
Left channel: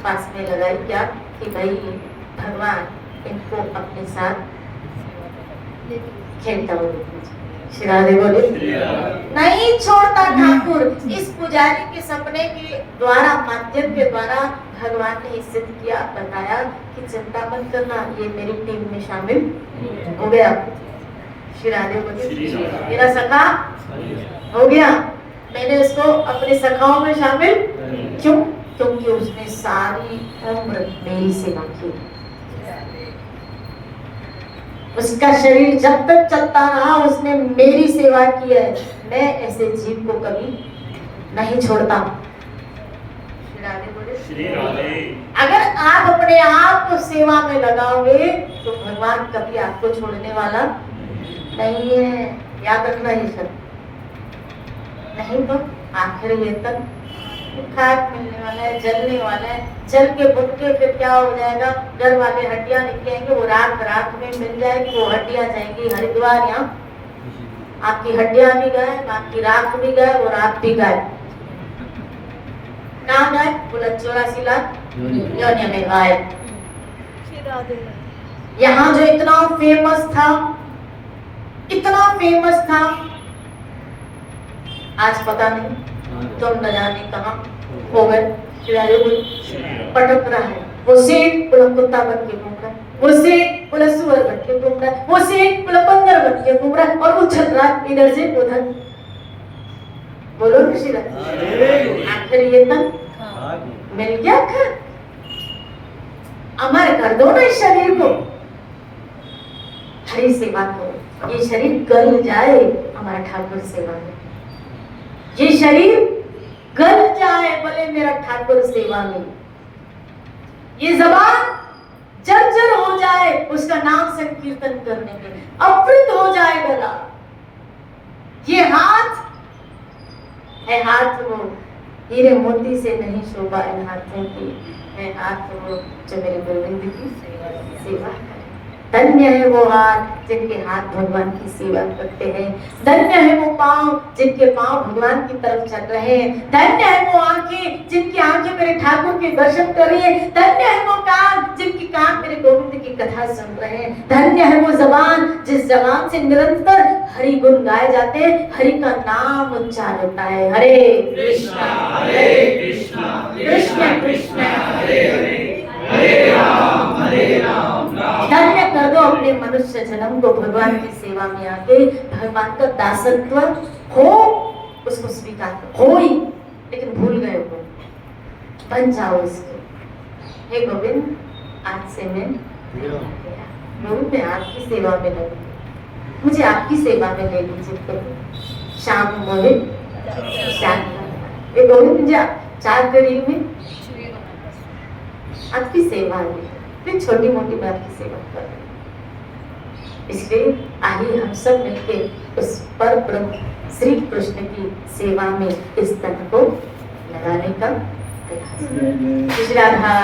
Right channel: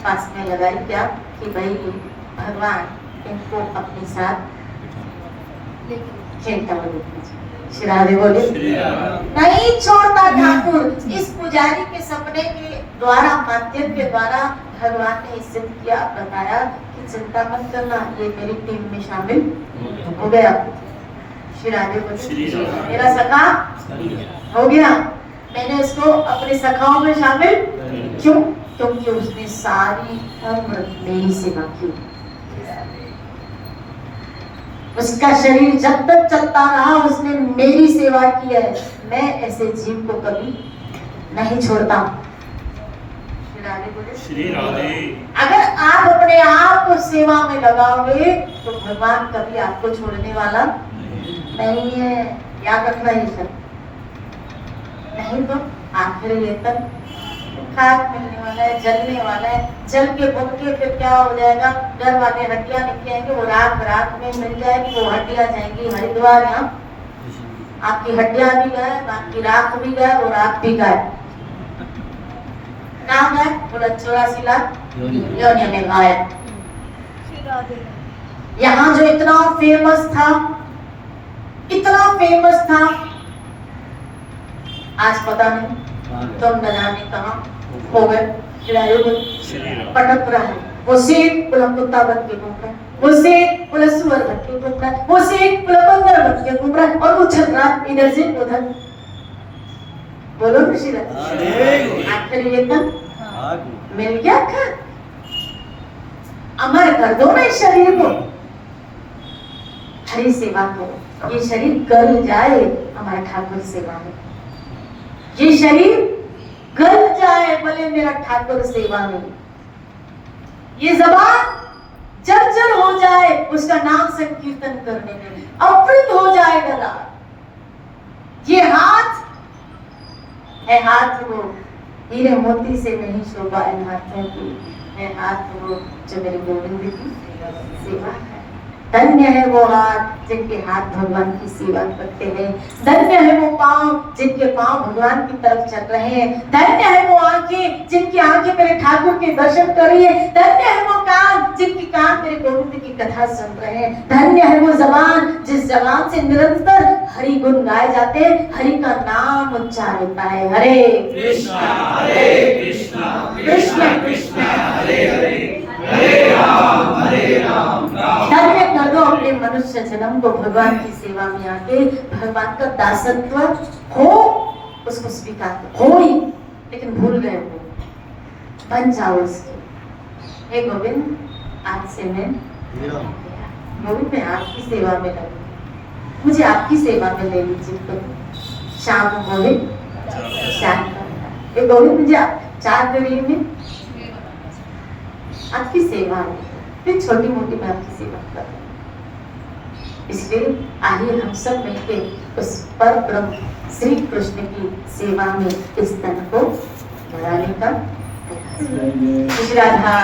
पास में लगाई, क्या कि भाई भगवान इनको अपने साथ खेलता हुआ देखना चाहिए। श्री राधे बोले श्री राधे। नहीं छोड़ता ठाकुर। इस पुजारी के सपने के द्वारा, माध्यम के द्वारा भगवान ने सिद्ध किया, बताया कि चिंता मत करना, ये मेरी टीम में शामिल हो गया। श्री राधे श्री बोले राधे। मेरा सखा हो गया, मैंने इसको अपने सखाओं में शामिल। क्यों? क्योंकि उसने सारी उम्र मेरी सेवा की। उसका शरीर जब तक चलता रहा उसने मेरी सेवा की है। मैं ऐसे जीव को कभी नहीं छोड़ता। श्री राधे बोले श्री राधे। अगर आप अपने आप को सेवा में लगाओगे तो भगवान कभी आपको छोड़ने वाला नहीं है। याद रखना ये सब। नहीं तो आखिर ये तक खाक मिलने वाला है, जलने वाला है। जल के बुन के फिर क्या हो जाएगा? डर वाले हड्डियां निकलेंगे, वो राख में मिल जाएगी, वो हड्डियां जाएंगी हरिद्वार। यहाँ आपकी हड्डियां भी गए, आपकी राख भी गए, वो राख भी गए। कहाँ गए? बोला 84 लाख योनि में गायब। यहाँ जो इतना फेमस था, इतना फेमस था, आज पता नहीं तुम न जाने कहाँ हो गए। पटक रहा है वो सेठ, बोला कुत्ता बन के घूम रहा है, वो सेठ, बोला सुअर बन के घूम रहा है, वो सेठ, बोला बंदर बन के घूम रहा है, और वो चल रहा है इधर से उधर। बोलो ना श्री राधे। आखिर ये तक मिल गया खा। अमर कर दो ना इस शरीर को, हरी सेवा करो। ये शरीर गल जाए हमारे ठाकुर सेवा में, ये शरीर गल जाए भले मेरा ठाकुर सेवा में, ये जबान जर्जर हो जाए उसका नाम संकीर्तन करने में, अमृत हो जाए गला। ये हाथ है, हाथ वो हीरे मोती से नहीं शोभा इन हाथों की, है हाथ वो जो मेरे गोविंद की सेवा है। धन्य है वो हाथ जिनके हाथ भगवान की सेवा करते हैं। धन्य है वो पांव जिनके पांव भगवान की तरफ चल रहे हैं। धन्य है वो आंखें जिनकी आंखें मेरे ठाकुर के दर्शन कर रही है। धन्य है वो कान जिनकी कान मेरे गोविंद की कथा सुन रहे हैं। धन्य है वो जबान जिस जबान से निरंतर हरि गुण गाए जाते हैं, हरि का नाम उच्चार होता है। हरे कृष्णा कृष्णा कृष्णा हरे हरे, हरे राम राम। धन्य कर दो अपने मनुष्य जन्म को भगवान की सेवा में आके। भगवान का दासत्व हो, उसको स्वीकार हो ही, लेकिन भूल गए हो, बन जाओ उसके। हे गोविंद, आज से मैं आपकी सेवा में लगूंगी, मुझे आपकी सेवा में ले लीजिए। तो शाम गोविंद शाम ये गोविंद मुझे चार करिए में आपकी सेवा है, फिर छोटी मोटी मैं आपकी सेवा कर रही हूँ। इसलिए आइए हम सब मिलकर उस पर ब्रह्म श्री कृष्ण की सेवा में इस तन को लगाने का प्रयास करें। राधा